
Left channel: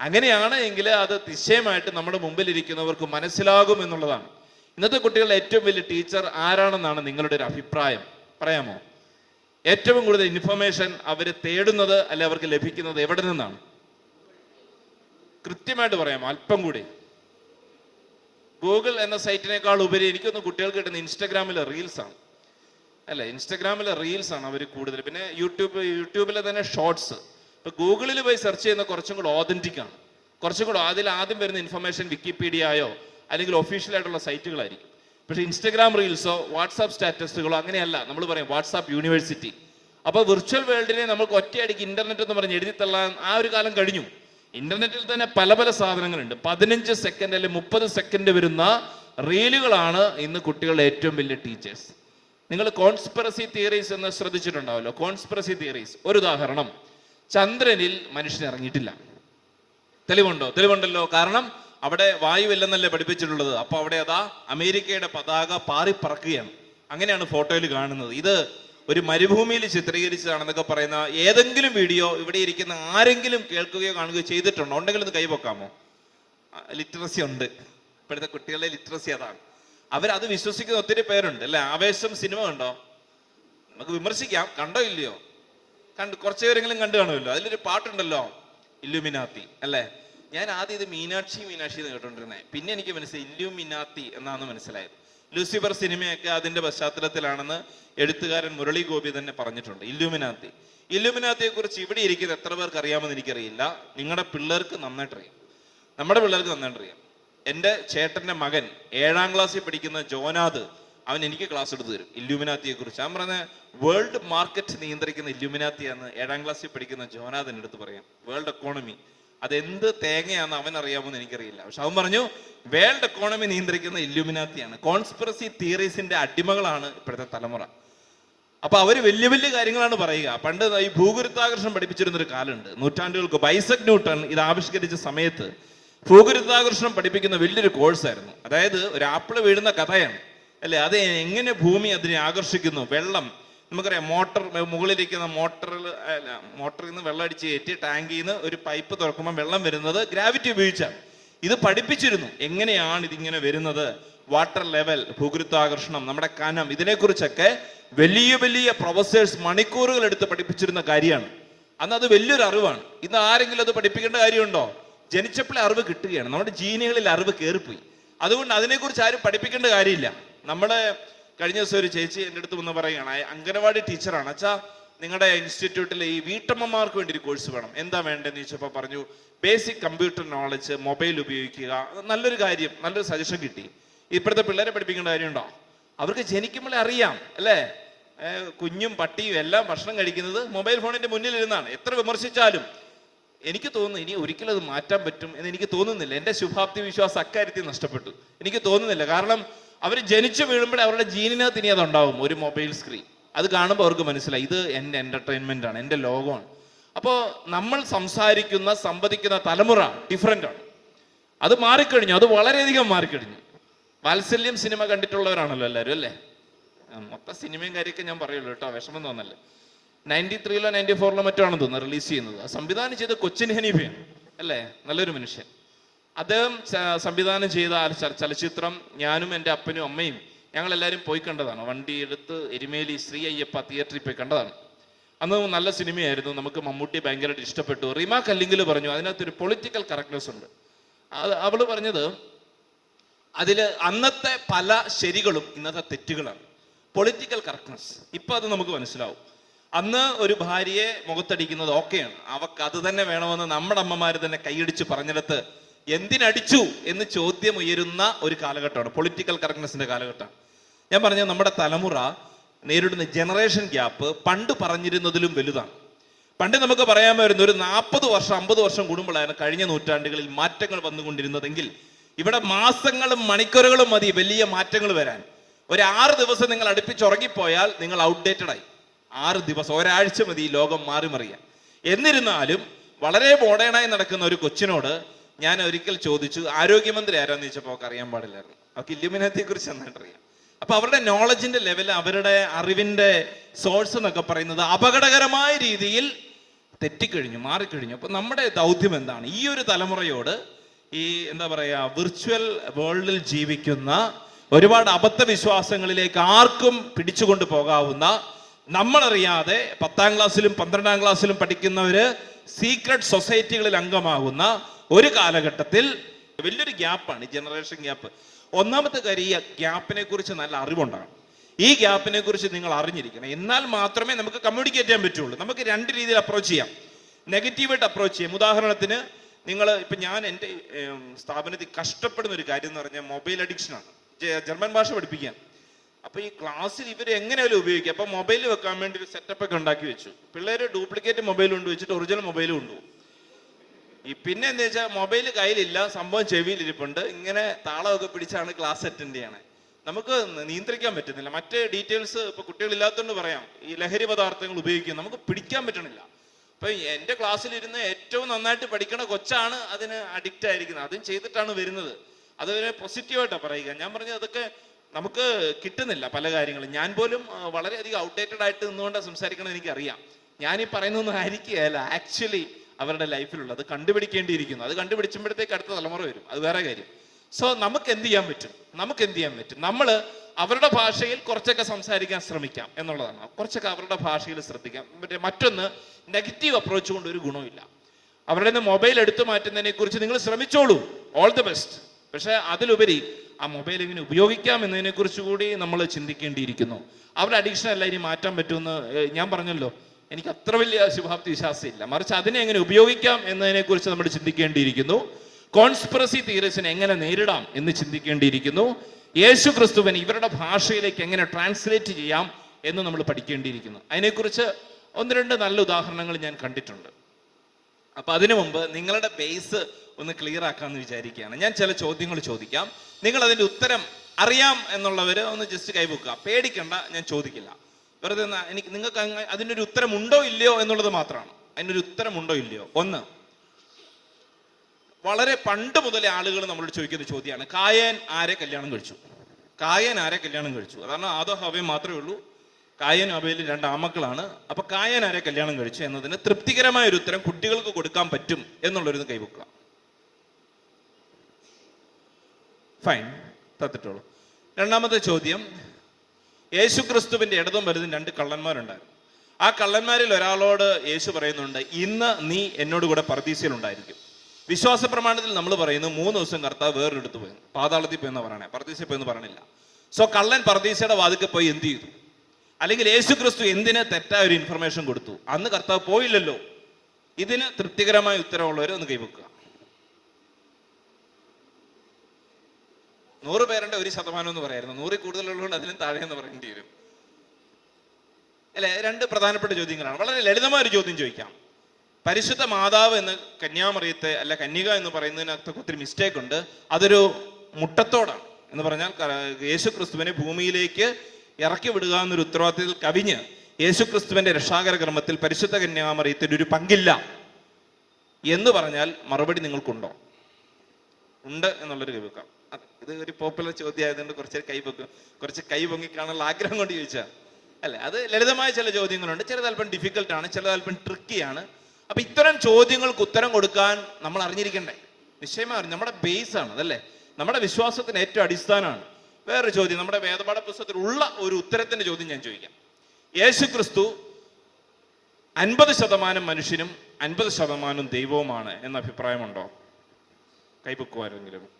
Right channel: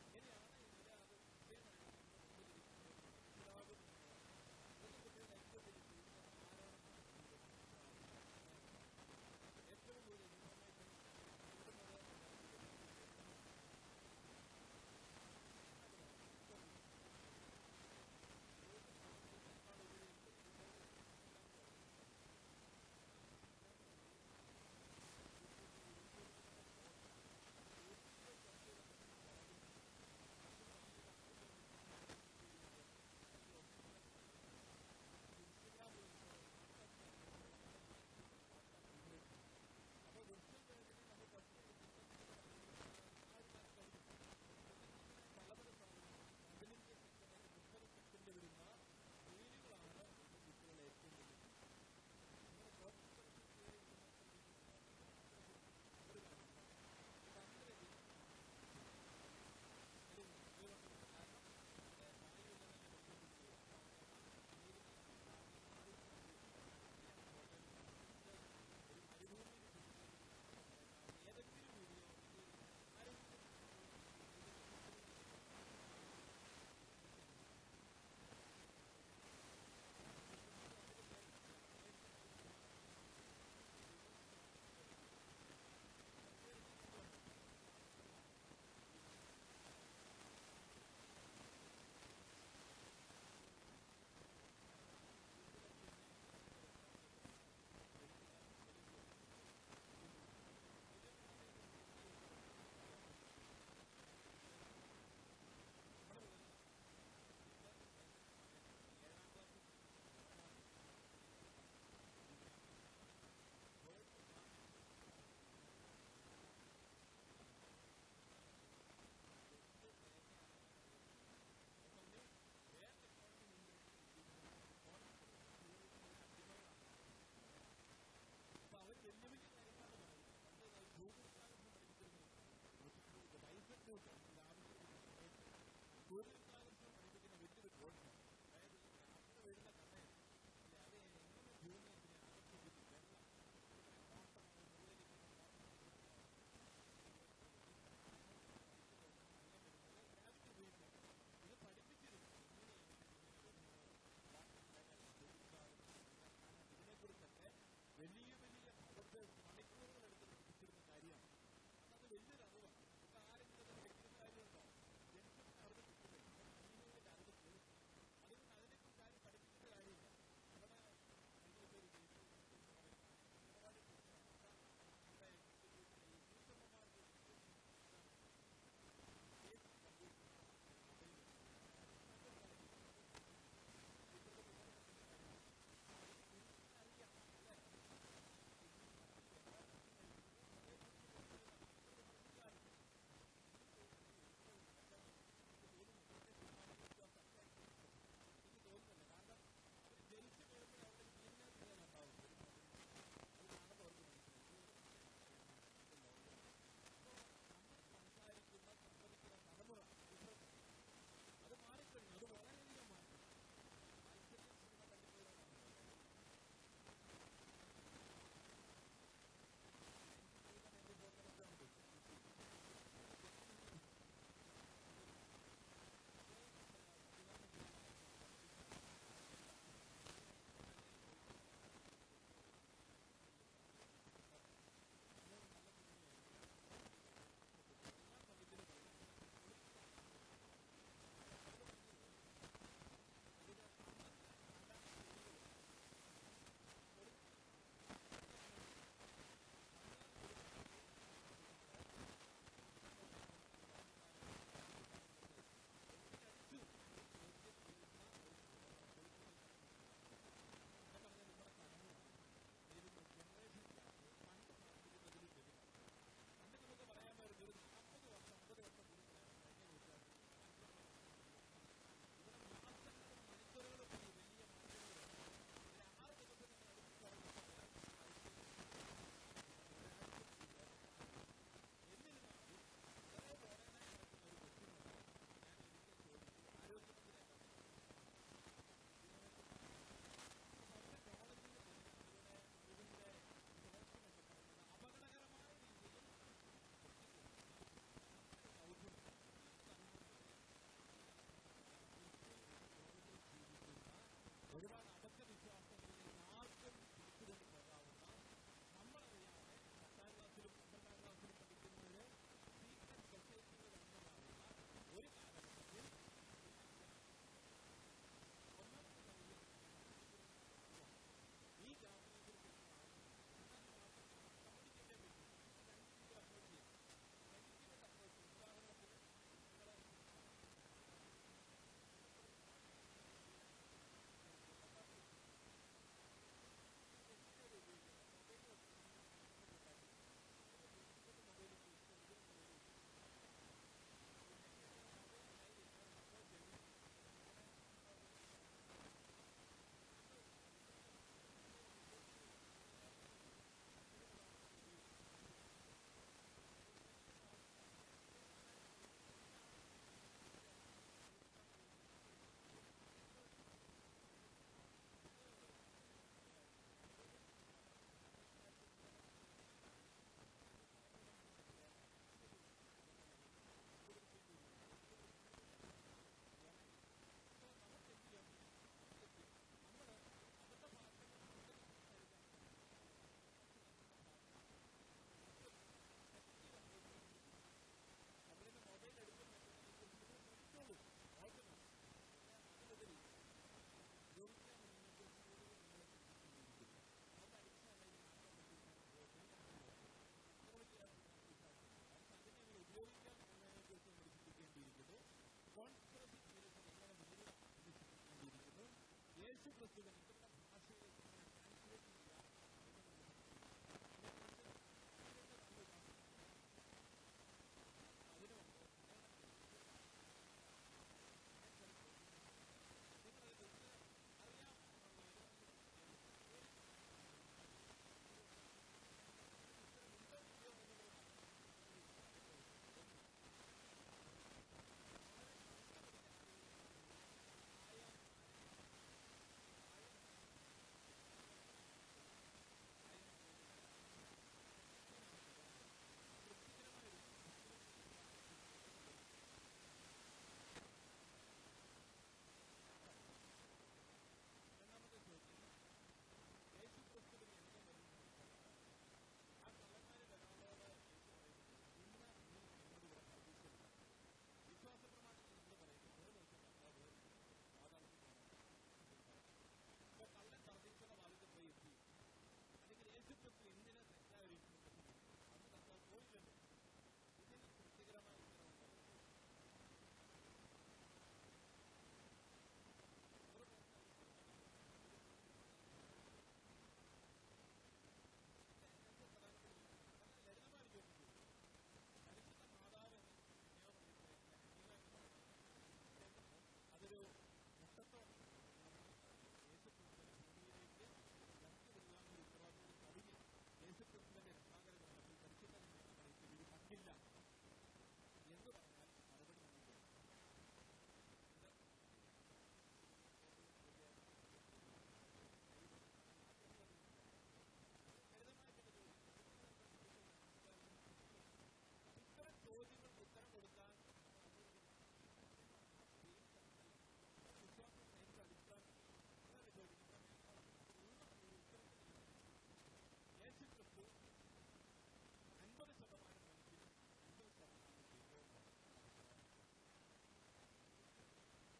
അങ്ങനെയാണ് എങ്കിൽ അത് നിശ്ചയമായിട്ട് നമ്മുടെ മുമ്പിൽ ഇരിക്കുന്നവർക്ക് മനസ്സിലാകും എന്നുള്ളതാണ്. ഇന്നത്തെ കുട്ടികളുടെ ഏറ്റവും വലിയ ടീച്ചർ ആരാണെന്നാണ് നിങ്ങളുടെ ഒരു അഭിപ്രായം? പറയാമോ? ഏറ്റവും കൂടുതൽ ഇൻഫർമേഷൻ അവർ തേടുന്നത് അല്ലെ അവർക്ക് ലഭിക്കുന്നത് എവിടെ നിന്നാണ്? കൃത്യമായിട്ട് പറയാം അല്പം കൂടി. ഗൂഗിൾ എന്ന സൈറ്റിനേക്കാൾ ഉപരി എനിക്കൊന്ന് കുട്ടികൾക്ക് കിട്ടുന്ന ഇൻസ്റ്റാഗ്രാമിലെ റീൽസ് ആണ്. അല്ല ഇൻസ്റ്റാഗ്രാമിലെ റീൽസ് ആണ് അവർ കൂടുതൽ. പിന്നെ യൂട്യൂബ് യൂട്യൂബിലെ തന്നെ ഷോർട്സ് ഇപ്പൊ ഗൂഗിളിൽ പോയി സെർച്ച് ചെയ്യുന്ന കുറച്ചും കൂടെ ഓതന്റിക് ആണ്. കുറച്ചും കൂടെ അതിൽ ആദ്യം വരുന്ന ഇൻഫർമേഷൻ വിക്കിപീഡിയയോ അല്ലെങ്കിൽ ഒഫീഷ്യൽ ആയിട്ടുള്ള സൈറ്റുകളായിരിക്കും പക്ഷെ ഇൻസ്റ്റഗ്രാം റീൽസോ വാട്സാപ്പ് സ്റ്റാറ്റസുകളോ അങ്ങനെയല്ല. നമ്മൾ പറയും വാട്സാപ്പ് യൂണിവേഴ്സിറ്റി അപ്പൊ വിർച്വൽ വേൾഡിനെ നമുക്ക് ഒറ്റയടിക്ക് ഇന്റർനെറ്റ് എന്ന് പറഞ്ഞ് എഴുതി തള്ളാൻ ആ ഒരു കാലം കഴിഞ്ഞു. ഇന്റർനെറ്റിൽ തന്നെ പല പല സാധനങ്ങളുണ്ട്. പതിനഞ്ച് സെക്കൻഡ് അല്ലെങ്കിൽ മുപ്പത് സെക്കൻഡ് വരുന്ന റീലുകളാണ് ഇന്ന് കുട്ടികളുടെ ഏറ്റവും വലിയ ടീച്ചേഴ്സ് നിങ്ങൾ കോൺസ്പിറസി തിയറീസ് എന്ന് ശ്രദ്ധിച്ചിട്ടുണ്ടാവല്ലോ. കോൺസ്പിറസി തിയറീസ് ഒരു ഉദാഹരണം. ചന്ദ്രനിൽ മനുഷ്യൻ ഇറങ്ങിയിട്ടില്ല. തെളിവുണ്ടോ? തെളിവുണ്ടല്ലോ. കാരണം അവിടെ വായുവില്ലെന്നല്ലേ പഠിപ്പിച്ചിട്ടുള്ളത്? അപ്പൊ അവിടെ അതാ അമേരിക്കയുടെ പതാക പാറി പറക്കുകയാണ് അങ്ങനെയാണ് ഫോട്ടോയിൽ കാണുന്നത്. ഇത് ഒരു മരുഭൂമിയിൽ ചിത്രീകരിച്ചതാണെന്നൊക്കെ പറയുന്ന ഏതെങ്കിലും വീഡിയോ ഇവിടെ ഇരിക്കുന്ന ആരെങ്കിലും കേൾക്കുകയോ കാണുകയോ ചെയ്തിട്ടുണ്ടോ? ഉണ്ടെങ്കിൽ ഒന്ന് കൈവക്കാമോ? ലിറ്ററസി ഉണ്ട്. ഇപ്പോഴത്തെ കുട്ടികളുടെ ലിറ്ററസി അതാണ്. അവരത് വിശ്വസിക്കുന്ന ഒത്തിരി പേരുണ്ട്. അല്ലെ? ആവേശം സിനിമ കണ്ടോ? നമുക്ക് വിമർശിക്കാം. കണ്ടോ ഇല്ലയോ? കണ്ട് കുറച്ചു പേരെങ്കിലും കണ്ടു കാണുമല്ലോ. അതിലൊരു പാട്ടുണ്ടല്ലോ ഇല്ലുമിനാത്തി. അല്ലേ? ഞാൻ ആദ്യം ഇത് മീനാക്ഷി മീനാക്ഷി എന്ന് കേട്ടോണ്ടിരുന്നേ. പിന്നെ എനിക്ക് മനസ്സിലായി ഇല്ലുമിനാത്തി എന്നാണ് മനസ്സിലായത്. ലൂസിഫർ സിനിമയൊക്കെ അതിന്റെ പശ്ചാത്തലത്തിലാണെന്ന് എഴുത്തുകാരൻ മുരളി ഗോപി തന്നെ പറഞ്ഞിട്ടുണ്ട്. ഇല്ലുമിനാത്തി. ഇല്ലുമിനാത്തിയെ കുറിച്ച് ഇവിടെ ഇരിക്കുന്ന എത്ര പേർക്ക് അറിയാമെന്ന് എനിക്കറിയില്ല. നിങ്ങളുടെ പിള്ളേർക്ക് നന്നായിട്ട് അറിയാം. നമ്മുടെ പിള്ളേർക്ക് നന്നായിട്ട് അറിയാം. എന്റെ ചേട്ടന്റെ മകൻ ഏഴാം ക്ലാസ്സിൽ പഠിക്കുന്ന ജോനാഥ് അവൻ എനിക്ക് ക്ലാസ് എടുത്തു തരും ഇല്ലുമിനാത്തിയെ കുറിച്ച്. ഞാൻ പറഞ്ഞ വേൾഡ് മാർക്കറ്റ് നിയന്ത്രിക്കുന്ന ഇല്ലുമിനാത്തിയാന്ന് ഏഴാം ക്ലാസ്സിൽ പഠിക്കുന്ന ജോനാഥൻ എടുത്ത് പറയാം. World economy. അതെന്ത് തേങ്ങയാന്ന് അവൻ അറിയാമെന്ന് എനിക്കറിയില്ല. പക്ഷെ അവൻ പറഞ്ഞു വേൾഡ് എക്കോണമി നിയന്ത്രിക്കുന്ന ഇല്ലുമിനാത്തിയാണ്. കോൺസ്പിറസി തിയറീസിന്റെ അടിമകളാണ് ഇപ്പോഴത്തെ തലമുറ. അപ്പൊ അവർ വലിയ വലിയ കാര്യങ്ങളാണ് പറയുക. പണ്ട് ഈ ഭൂഗുരുത്താകർഷണം പഠിപ്പിച്ചിരുന്ന ഒരു കാലുണ്ട് നൂറ്റാണ്ടുകൾക്ക് ബൈസക് ന്യൂട്ടൺ ഇത് ആവിഷ്കരിച്ച സമയത്ത് ഭൂഗുരുത്താകർഷണം പഠിപ്പിക്കുന്ന വലിയൊരു കോഴ്സായിരുന്നു. അതായത് ഒരു ആപ്പിൾ വീഴുന്ന കഥയാണ്. അല്ലെ? അത് എങ്ങനെ ഭൂമി അതിനെ ആകർഷിക്കുന്നു? വെള്ളം നമുക്കറിയാം മോട്ടർ മുകളിലിരിക്കുന്ന മോട്ടറിൽ മോട്ടറിൽ നിന്ന് വെള്ളം അടിച്ച് കയറ്റി ടാങ്കിൽ നിന്ന് ഒരു പൈപ്പ് തുറക്കുമ്പോൾ വെള്ളം വരുന്നത് ഗ്രാവിറ്റി ഉപയോഗിച്ചാണ്. ഇത് പഠിപ്പിച്ചിരുന്നു. എങ്ങനെയാണ് ഇതിങ്ങനെ വരുന്നത്? വാട്ടർ ലെവൽ ഭൂഗുരുത്വാകർഷണം നമ്മുടെ കനം ഇതിനെക്കുറിച്ചൊക്കെ വലിയ വലിയ പ്രൊഫസേഴ്സ് മണിക്കൂറുകൾ എടുത്ത് പഠിപ്പിച്ചിരുന്ന കാര്യമാണ്. അന്ന് അത് വലിയൊരു അറിവാണ്. ഇന്ന് ആരെങ്കിലും അത് പഠിപ്പിക്കേണ്ട കാര്യമുണ്ടോ? ജനിച്ചപ്പോഴേ അറിവ് കിട്ടുകയാണ്. നമ്മുടെ ജീനുകളിൽ അറിവ് കയറിപ്പോയി അതുകൊണ്ട് അതിനെക്കുറിച്ച് ആരും പഠിപ്പിക്കേണ്ട കാര്യമില്ല. നമ്മളെ കഴിഞ്ഞ ദിവസം ഒരു ചേച്ചി എന്റെ അടുത്ത് വന്ന് പറയുകയാണ് "ആ, അംഗനവാടി ടീച്ചറാണ്. അച്ഛാ നിങ്ങളുടെ ഇൻസ്റ്റിറ്റ്യൂട്ടിലെ ഈ വീട്ടമ്മമാർക്ക് വേണ്ടി ഒരു കോഴ്സ് വേണം. എന്താ വേണ്ടതെന്ന് ചോദിച്ചപ്പോൾ പറഞ്ഞു ബേസിക് കമ്പ്യൂട്ടർ നോളജ് മൊബൈൽ ഉപയോഗിക്കുക നല്ലൊരു കാര്യം നല്ലൊരു സജഷൻ കിട്ടി. ഇപ്പോഴത്തെ പിള്ളേരെ പഠിപ്പിക്കേണ്ട കാര്യമുണ്ടോ? അവർക്ക് ജനിക്കുമ്പോഴേ അറിയാം അല്ലേ? കുഞ്ഞും പട്ടിയും എല്ലാം ഭക്ഷണം കഴിക്കുന്നത് മൊബൈൽ ഫോണിന്റെ മുന്നിൽ ഇരുന്നാണ് എത്ര വിമർശിച്ചാലും എനിക്ക് തോന്നുന്നു ഇനി ഒരിക്കലും അത് മാറ്റാൻ പറ്റും എന്ന് എനിക്ക് തോന്നുന്നില്ല. എന്റെ ശുഭാപ്തി വിശ്വാസം അക്കാര്യത്തിൽ നഷ്ടപ്പെട്ടു. എനിക്ക് തോന്നുന്നില്ല. കാരണം അവർ ജനിച്ചു വീഴുമ്പോൾ അവരുടെ ജീനിനകത്ത് ഇനി അതുണ്ടാവും ഒരു മൊബൈൽ സ്ക്രീൻ. അത് കാണുമ്പോൾ അവർക്ക് മനസ്സിലായി ഇത് എന്റെ എന്റർടൈൻമെന്റ് ആണ് എന്റെ ലോകമാണ്. അപ്പോൾ നമ്മൾ സംസാരിക്കുന്ന സംവദിക്കുന്ന തലമുറ ഡിഫറെന്റ് ആണ്. അത് മാറിക്കഴിഞ്ഞു അത് വളരെയധികം മാറിക്കഴിഞ്ഞു. വാത്സല്യം സിനിമ കണ്ടിട്ടുള്ളവരാണല്ലോ എല്ലാവരും അല്ലേ? മൊത്തം സിനിമയും കാര്യമൊക്കെ ഞാൻ പറയുള്ളൂ കേട്ടോ വിഷമം തോന്നല്ലേ. നയന്റി ത്രീയിലോ നയന്റി ഫോറിലോ മറ്റോ ആണെന്ന് തോന്നുന്നു റിലീസ് ചെയ്യുന്നത്. സംവിധാനം ചെയ്ത കൊച്ചിൻ ഹനീഫയാണ് അല്ലേ? നല്ലൊരു മനുഷ്യൻ. അദ്ദേഹം സംവിധാനം ചെയ്ത ആ ചലച്ചിത്രം ഞാനും എന്റെ അപ്പനും അമ്മയും ഞങ്ങൾ എല്ലാവരും പോയി കണ്ടതാണ്. വണ്ടി എടുത്ത് എരുമേലി ശ്രീ അയ്യപ്പ തിയേറ്ററിൽ പോയി കണ്ടതാണ്. അന്ന് നല്ല സിനിമയായിരുന്നു. നമുക്ക് മമ്മൂട്ടി ഭയങ്കരമായിട്ട് ഇഷ്ടപ്പെട്ടു. റീമ കല്ലിങ്കിൽ പറഞ്ഞു. അതിനകത്തൊരു പൊളിറ്റിക്കൽ കറക്റ്റ്നസ് ഉണ്ട്. അത് അവൾ പറഞ്ഞത് അതിൽ അന്നത്തെ പല ശരികളും ഇന്നത്തെ തെറ്റുകളാണ്. പൊളിറ്റിക്കൽ കറക്റ്റ്നസ് ഇപ്പൊ അത് നമുക്ക് മനസ്സിലാവും. അന്ന് ഒരു ഭാര്യയെ മുഖത്തടിക്കുന്നത് ഓക്കെയാണ്. അവക്ക് അത് തന്നെ വേണമെന്ന് നമ്മുടെ അമ്മമാർ തന്നെ കൈയടിച്ച് പറഞ്ഞിടത്ത് എന്തിനടിച്ചു എന്ന് ചോദ്യം ഉയരുന്ന ഒരു കാലഘട്ടമാണ്. പൊളിറ്റിക്കൽ കറക്റ്റ്നെസിന്റെ കാലഘട്ടമാണ്. ഞാൻ പറഞ്ഞ നമ്മുടെ തലമുറ നേരിടുന്ന ജനറേഷൻ ഗ്യാപ്പ് പണ്ട് പറഞ്ഞിരുന്നതിലും വലുതാണ്. പണ്ട് നമുക്ക് പറയാമായിരുന്നു ഒരു നാൽപ്പത് വർഷം അമ്പത് വർഷം കൂടുമ്പോഴാണ് കഴിഞ്ഞ നൂറ്റാണ്ടുകളിൽ മാറ്റങ്ങൾ വന്നുകൊണ്ടിരുന്നതെങ്കിൽ ഇവിടെ മാസങ്ങളും മണിക്കൂറുകളും മതി വലിയ മാറ്റങ്ങൾ വരാൻ. ഒരു ആറ് ദിവസം നിങ്ങൾ അടുപ്പിച്ചുറങ്ങിപ്പോയാൽ നിങ്ങൾ ഔട്ട്ഡേറ്റഡ് ആയി. ആറ് ദിവസം ഒരാഴ്ച മതി ലോകം മാറി മറിയാൻ എന്നിരുന്നാലും വളരെ മോഡേണായി നടക്കുന്ന ഒരു കൊച്ചിനോട് ഞാൻ ഒരിക്കൽ ചോദിച്ചു ആരോഗ്യമന്ത്രി ആരാന്ന് ചോദിച്ചപ്പോൾ അവർക്ക് അറിയാൻ പാടില്ലായിരുന്നു. അവർക്ക് ഇല്ലുമിനത്തെ കുറിച്ച് നന്നായിട്ട് അറിയാം അപ്പൊ അവരുടെ നോളജിന്റെ ലെവൽ അവരുടെ അറിവിന്റെ സോഴ്സ് എന്നൊക്കെ പറയുന്നത് അപകടകരമായ രീതിയിൽ തെറ്റിക്കഴിഞ്ഞു മാറിക്കഴിഞ്ഞു. അപ്പൊ നമ്മുടെ ദൗത്യം എന്താണ്? ഈ ഒരു തലമുറയോട് ഈ എന്താ പറയാ വിർച്വൽ വേൾഡിൽ ജീവിക്കുന്ന ഒരുപാട് അബദ്ധ വിശ്വാസങ്ങളിലേക്ക് ആർക്കും പിടിച്ചുകൊണ്ട് പോകാവുന്ന നമ്മളറിയാതെ പത്താം ക്ലാസ്സിലും പന്ത്രണ്ടാം ക്ലാസ്സിലും പഠിക്കുന്നവര് സീക്രട്ട് സൊസൈറ്റികളിൽ അംഗമാകുന്ന ഒരു കാലഘട്ടത്തിൽ വലിയൊരു ഗ്യാപ്പാണ് ജനറേഷൻ ഗ്യാപ്പ് ഒന്നാമത്തെ കാര്യം ഈ ഗ്യാപ്പിനെ കുറിച്ച് നല്ല അറിവുണ്ടാകണം. ഈ ഗ്യാപ്പിനെ കുറിച്ച് നിങ്ങൾ അറിഞ്ഞിരിക്കണം. എന്നാൽ മാത്രമേ നമുക്ക് കമ്മ്യൂണിക്കേറ്റ് ചെയ്യാൻ പറ്റുള്ളൂ. നമുക്ക് രണ്ട് രീതിയിൽ അപ്രോച്ച് ചെയ്യാം. നെഗറ്റീവായിട്ട് അപ്രോച്ച് ചെയ്യാം. ഉദാഹരണത്തിന് നിങ്ങൾ ഇപ്പൊ ഞാൻ എന്റെ സ്ഥാപനത്തിൽ കഷ്ടപ്പെടുന്ന ഒരു കാര്യം എന്ന് പറഞ്ഞാൽ മൊബൈൽ അഡിക്ഷനാണ് ജർമ്മൻ ഭാഷ പഠിപ്പിക്കാൻ. അപ്പൊ ഈ ക്ലാസ്സിൽ ഇവർ എങ്ങനെയാലും ഉപയോഗിക്കുക അപ്പൊ മൊബൈൽ വെക്കാൻ വേണ്ടി ഒരു സെറ്റപ്പ് ഒക്കെ ഉണ്ടാക്കി വെച്ചു. പിള്ളേർ ഡ്യൂപ്ലിക്കേറ്റ് മൊബൈൽ കൊണ്ട് വെച്ചിട്ട് ഒറിജിനൽ മൊബൈൽ കൊണ്ടുപോകും ഈ പിന്നെ എന്താ വെച്ചാൽ മൊബൈൽ കയ്യിലില്ല സംഭവം ചെവിയിലിരിപ്പുണ്ട്. ഇങ്ങനെ താളമൊക്കെ പിടിച്ചാണ് ക്ലാസ് അറ്റൻഡ് ചെയ്യണേ. നമുക്ക് നിയന്ത്രിക്കാൻ പറ്റുന്നില്ല. മറ്റ് ഡീറ്റെയിൽസ് ഇപ്പൊ കുട്ടികളില്ലാത്തതുകൊണ്ട് പറയാം. ഈ ലഹരി പദാർത്ഥങ്ങൾ ഉപയോഗിക്കും നമുക്ക് പിടിക്കാൻ പറ്റണില്ല. അപ്പൊ എന്റെ ക്ലാസ്സിൽ ഇരുന്ന് ഏറ്റവും നന്നായിട്ട് പഠിക്കണ കൊച്ചാണ് അതിന് അഡിക്റ്റ് ആയിരിക്കുന്നത്. അതും ചെയ്തിട്ടാണ് വരുന്നത്. അത് പോസിറ്റീവായിട്ടാണ് പറയുക. ഞാൻ പറഞ്ഞത് അതൊക്കെ നമുക്ക് കിട്ടുന്നില്ല പല കാര്യങ്ങളും. ഞാൻ പോലും വളരെയധികം ഔട്ട്ഡേറ്റഡ് ആയിട്ട് നിന്നുകൊണ്ട് സംസാരിക്കണം എനിക്കറിയാം ഞാൻ ഈ പറയുന്നൊന്നും ആയിരിക്കുകയല്ല. ആക്ച്വലി അവരുടെ ലൈഫിലുള്ളത്. കണ്ടുപിടിക്കേണ്ടിയിരിക്കുന്നു. അത് കണ്ടുപിടിച്ചുമ്പോഴത്തേക്ക് അടുത്ത തലമുറ വരും. അത് വേറെ കാര്യം. സോ നമുക്ക് എന്ത് ചെയ്യാൻ പറ്റും? നമുക്ക് എന്ത് ചെയ്യാൻ പറ്റും? നമ്മൾ അവരുടെ ഭാഷയിൽ കുറച്ചൊക്കെ സംസാരിക്കാൻ ശ്രമിക്കാം എന്നുള്ളതാണ്. കുറച്ചൊക്കെ അവരുടെ ഭാഷയിൽ ശ്രദ്ധിക്കാം. മറ്റേ മറ്റൊന്ന് നെഗറ്റീവ് അപ്രോച്ച് കൊണ്ട് ഒരു ഗുണമില്ല. അവരുടെ നിന്ന് മൊബൈൽ എടുത്തു മാറ്റുന്നതിനെ കുറിച്ച് നിങ്ങൾ ശ്രമിച്ചോളൂ. ഓൾ ദി ബെസ്റ്റ് പക്ഷേ അതിലുപരി ആ മൊബൈൽ എങ്ങനെ ഉപയോഗിക്കാം എന്നതിനെ കുറിച്ച് കൂടി നമ്മൾ ചിന്തിക്കേണ്ടിയിരിക്കുന്നു. അവരുടെ അഡിക്ഷൻ അല്ല ഇനി മാറ്റാൻ പറ്റുമെന്ന് ഞാൻ പറഞ്ഞല്ലോ. എനിക്ക് അത്ര വലിയ ശുഭാപ്തി വിശ്വാസമില്ല. മറിച്ച് അതിനെ എങ്ങനെ ഉപയോഗിക്കാം എന്നതിനെ കുറിച്ച് നമ്മൾ ചിന്തിക്കേണ്ടിയിരിക്കുന്നു. കോൺസ്പിറസി തീരസിനെ എങ്ങനെ നേരിടാം എന്ന് ചിന്തിക്കേണ്ടിയിരിക്കുന്നു. യേശു ക്രിസ്തുവിനെ ഇവരുടെ ഭാഷയിലേക്ക് എങ്ങനെ ട്രാൻസ്ലേറ്റ് ചെയ്യാം എന്ന് നമ്മൾ പഠിക്കേണ്ടിയിരിക്കുന്നു. അതിനെക്കുറിച്ച് ഒന്ന് രണ്ട് നല്ല ഉദാഹരണങ്ങൾ ഞാൻ കണ്ടിട്ടുണ്ട്. അപ്പൊ അതിനു മുമ്പ് നിങ്ങളുടെ ബേസ് ഒന്ന് ക്ലിയർ ആക്കാന്ന് വിചാരിക്കുകയാണ്. ഞാൻ ചില ചോദ്യങ്ങൾ ചോദിക്കാം. നിങ്ങൾ അതിന്റെ ഉത്തരം അറിയാം എന്നുള്ളവര് ഒന്ന് ജസ്റ്റ് കൈവക്കുക പേടിക്കണ്ട ഞാൻ ചോദിക്കില്ല. വെറുതെ എനിക്ക് നിങ്ങൾക്ക് അതിനൊരു ഉത്തരം ഉണ്ടോ ഇല്ലയോ എന്നുള്ളത് മാത്രമാണ്. അതിനൊരു ഉത്തരം ഉണ്ടോ ഇല്ലയോ? ഒന്ന് വളരെ പണ്ട് മുതലേ ആളുകൾ നമ്മളോട് ചോദിക്കുന്ന ചോദ്യമാണ്. കായൻ ആരെ കല്യാണം കഴിച്ചു? കായൻ ആരെ കല്യാണം കഴിച്ചു? കാരണം ആദോ ഹവയും മാത്രമേ ഉള്ളൂ. കായൻ അവയിൽ രണ്ട് ആമക്കളാണ്. അപ്പൊ കായൻ ആരെ കല്യാണം കഴിച്ചു എന്നതിന് തൃപ്തികരമായ ഒരു ഉത്തരം കുട്ടികൾക്ക് കൊടുക്കാൻ പറ്റും എന്നുള്ളൊരു കൈവക്കുക. ഫൈൻ തത്തിട്ടോളൂ. രണ്ടാമത്തെ ചോദ്യം യേശു ക്രിസ്തുവിന്റെ ഇടതും വലുതും രണ്ട് കള്ളന്മാരുണ്ടായിരുന്നു. ആ കള്ളന്മാരിൽ ഒരാളോട് യേശു പറയുന്നുണ്ട് ഇന്ന് നീ എന്നോട് കൂടെ പർദീസയിൽ ഉണ്ടായിരിക്കും വിശ്വാസ പ്രമാണത്തിൽ നമ്മൾ പറയുന്നു മൂന്ന് ദിവസം കർത്താവ് വേറൊരിടത്ത് പോയി പാതാളത്തിൽ പോയെന്ന് പറയണേ പർദീസയിൽ പോയെന്ന് പറയണില്ല സോ കള്ളൻ പർദീസയുടെ വാതിക്ക് പോയി എന്ത് ചെയ്തു? അല്ലെങ്കിൽ യേശു ക്രിസ്തു എന്തിന് തെറ്റായ ഒരു ഇൻഫർമേഷൻ കൊടുത്തു? അന്ന് കർത്താവ് പോയില്ലല്ലോ. ഇതിന് തൃപ്തികരമായ ഉത്തരവുള്ളവരെ ഒന്ന് കൈവക്കുക. നൂറ് പേരുടെ ഒരു ശതമാനം എന്ന് പറയായിരുന്നു. നൂറിൽ കൂടുതലുള്ളതുകൊണ്ട് അതിലും താഴെ എന്ന് പറയേണ്ടി വരും. അല്ലെ? രണ്ട് പ്രധാനപ്പെട്ട ചോദ്യങ്ങളാണ്. വളരെ ലളിതമായ ഒരു ചോദ്യം ചോദിക്കാം. പരിശുദ്ധ മാതാവ് എന്ന് കന്യാമറിയത്തെ അല്ല കന്യക എന്ന് പറയുന്നതിനകത്തൊക്കെ ഒത്തിരി മിസ്റ്റേക്ക് ഉണ്ട്. അതൊരു മുട്ടത്തോടാണ് എന്ന് പറഞ്ഞാൽ യേശു ക്രിസ്തുവിനെ ഭൂമിയിലേക്ക് ഇറക്കി വിടുക എന്നൊരു ഉത്തരവാദിത്തത്തിൽ കവിഞ്ഞ് യേശു ക്രിസ്തുവിന്റെ രക്ഷാകര ക്രമത്തിൽ പരിശുദ്ധ കന്യാമറിയത്തിന് ഒരു പങ്കില്ല എന്ന് പറഞ്ഞാൽ മറുപടി നിങ്ങൾക്കുണ്ടോ? ഉണ്ട് എന്നുള്ളൊരു കേൾക്കാം ഇത് ഒരു പോപ്പുലർ ചോദ്യം ആയതുകൊണ്ട് കുറച്ച് കൈ പൊക്കും കുറച്ച് കൈ പൊങ്ങി കാണാനുള്ള ആഗ്രഹം കൊണ്ട് ചോദിച്ചാൽ അല്ലേ? അത് ലളിതമായ ചില ചോദ്യങ്ങളുണ്ട്. ചിലത് അല്പം ആണ് ചിലത് അല്പം ട്രിക്കിയാണ് അപ്പൊ ഇത്തരം ചോദ്യങ്ങൾക്ക് ഉത്തരം കൊടുക്കാൻ നമ്മൾ അറിഞ്ഞിരിക്കണ്ടേ? നിശ്ചയമായി നമ്മുടെ ബേസ് ആണ് അതല്ലേ? നമ്മുടെ വിശ്വാസത്തിന് ഏറ്റവും അടിസ്ഥാനമാണ്. വേറൊരു ചോദ്യം നമ്മുടെ വേദപാഠ പുസ്തകത്തിൽ ഉള്ള ഒരു ഉത്തരത്തിന്റെ ചോദ്യം ഞാൻ ചോദിക്കാം. യേശു ക്രിസ്തു അൻപത് ശതമാനം മനുഷ്യനും അൻപത് ശതമാനം ദൈവവുമാണ് എന്ന അഭിപ്രായമുണ്ടോ? കൈപൊക്കുമാരെങ്കിലും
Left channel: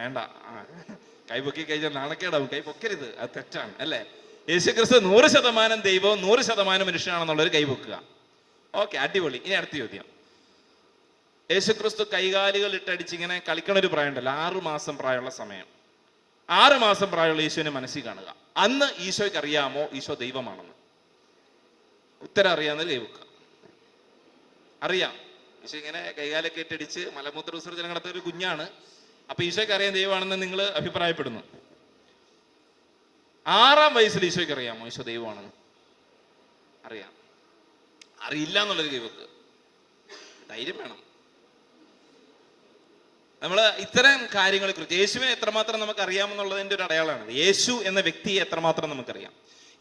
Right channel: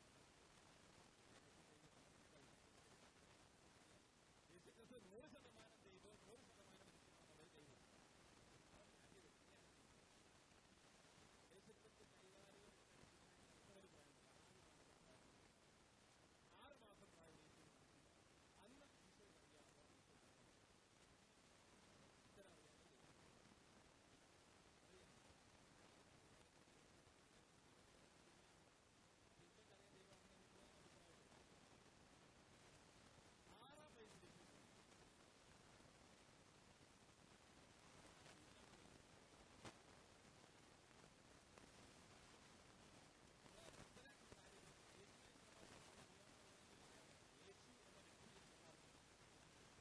വേണ്ട. കൈ കൈപൊക്കി കഴിഞ്ഞാൽ നാണക്കേടാവും. കൈ പൊക്കരുത് അത് തെറ്റാണ് അല്ലേ? യേശു ക്രിസ്തു നൂറ് ശതമാനം ദൈവവും നൂറ് ശതമാനം മനുഷ്യനാണെന്നുള്ളൊരു കൈപൊക്കുക. ഓക്കെ അടിപൊളി. ഇനി അടുത്ത ചോദ്യം. യേശുക്രിസ്തു കൈകാലുകൾ ഇട്ടടിച്ച് ഇങ്ങനെ കളിക്കണ ഒരു പ്രായമുണ്ടല്ലോ. ആറ് മാസം പ്രായമുള്ള സമയം. ആറ് മാസം പ്രായമുള്ള ഈശോനെ മനസ്സിൽ കാണുക. അന്ന് ഈശോയ്ക്ക് അറിയാമോ? ഈശോ ദൈവമാണെന്ന്. ഉത്തരം അറിയാമെന്ന് കൈവക്കുക അറിയാം. ഈശോ ഇങ്ങനെ കൈകാലൊക്കെ ഇട്ടടിച്ച് മലമൂത്ര വിസർജനം നടത്തുന്ന ഒരു കുഞ്ഞാണ്. അപ്പൊ ഈശോയ്ക്ക് അറിയാൻ ദൈവമാണെന്ന് നിങ്ങൾ അഭിപ്രായപ്പെടുന്നു. ആറാം വയസ്സിൽ ഈശോയ്ക്ക് അറിയാമോ? ഈശോ ദൈവമാണെന്ന്. അറിയാം. അറിയില്ല എന്നുള്ളൊരു ദൈവക്ക്. ധൈര്യം വേണം. നമ്മൾ ഇത്തരം കാര്യങ്ങളെ കുറിച്ച് യേശുവിനെ എത്രമാത്രം നമുക്ക് അറിയാമെന്നുള്ളതിന്റെ ഒരു അടയാളമാണ്. യേശു എന്ന വ്യക്തിയെ എത്രമാത്രം നമുക്കറിയാം?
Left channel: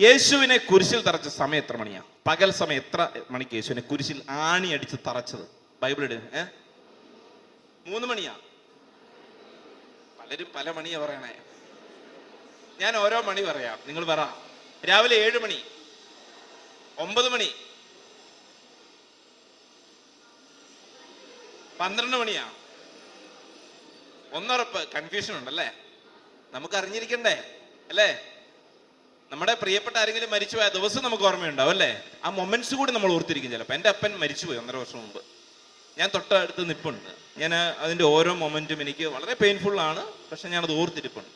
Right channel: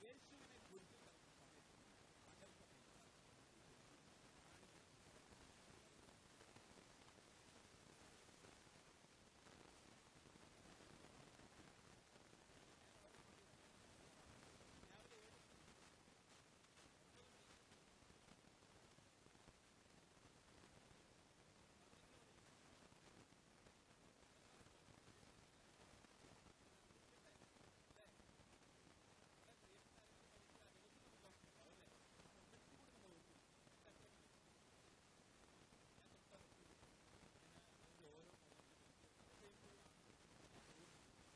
യേശുവിനെ കുരിശിൽ തറച്ച സമയം എത്ര മണിയാ? പകൽ സമയം എത്ര മണിക്ക് യേശുവിനെ കുരിശിൽ ആണി അടിച്ച് തറച്ചത്? ബൈബിൾ ഏഹ് മൂന്ന് മണിയാ? പലരും പല മണിയാ പറയണേ. ഞാൻ ഓരോ മണി പറയാം. നിങ്ങൾ പറ. രാവിലെ ഏഴ് മണി. ഒമ്പത് മണി. പന്ത്രണ്ട് മണിയാ. ഒന്നുറപ്പ് കൺഫ്യൂഷൻ ഉണ്ടല്ലേ നമുക്ക് അറിഞ്ഞിരിക്കണ്ടേ? അല്ലേ? നമ്മുടെ പ്രിയപ്പെട്ട ആരെങ്കിലും മരിച്ചുപോയ ദിവസം നമുക്ക് ഓർമ്മയുണ്ടാവും അല്ലേ? ആ മൊമെന്റ്സ് കൂടി നമ്മൾ ഓർത്തിരിക്കും ചിലപ്പോൾ എന്റെ അപ്പൻ മരിച്ചുപോയി ഒന്നര വർഷം മുമ്പ്. ഞാൻ തൊട്ടടുത്ത് നിൽപ്പുണ്ട് ഞാൻ അതിന്റെ ഓരോ മൊമെന്റും എനിക്ക് വളരെ പെയിൻഫുൾ ആണ്. പക്ഷെ ഞാനത് ഓർത്തിരിപ്പുണ്ട്.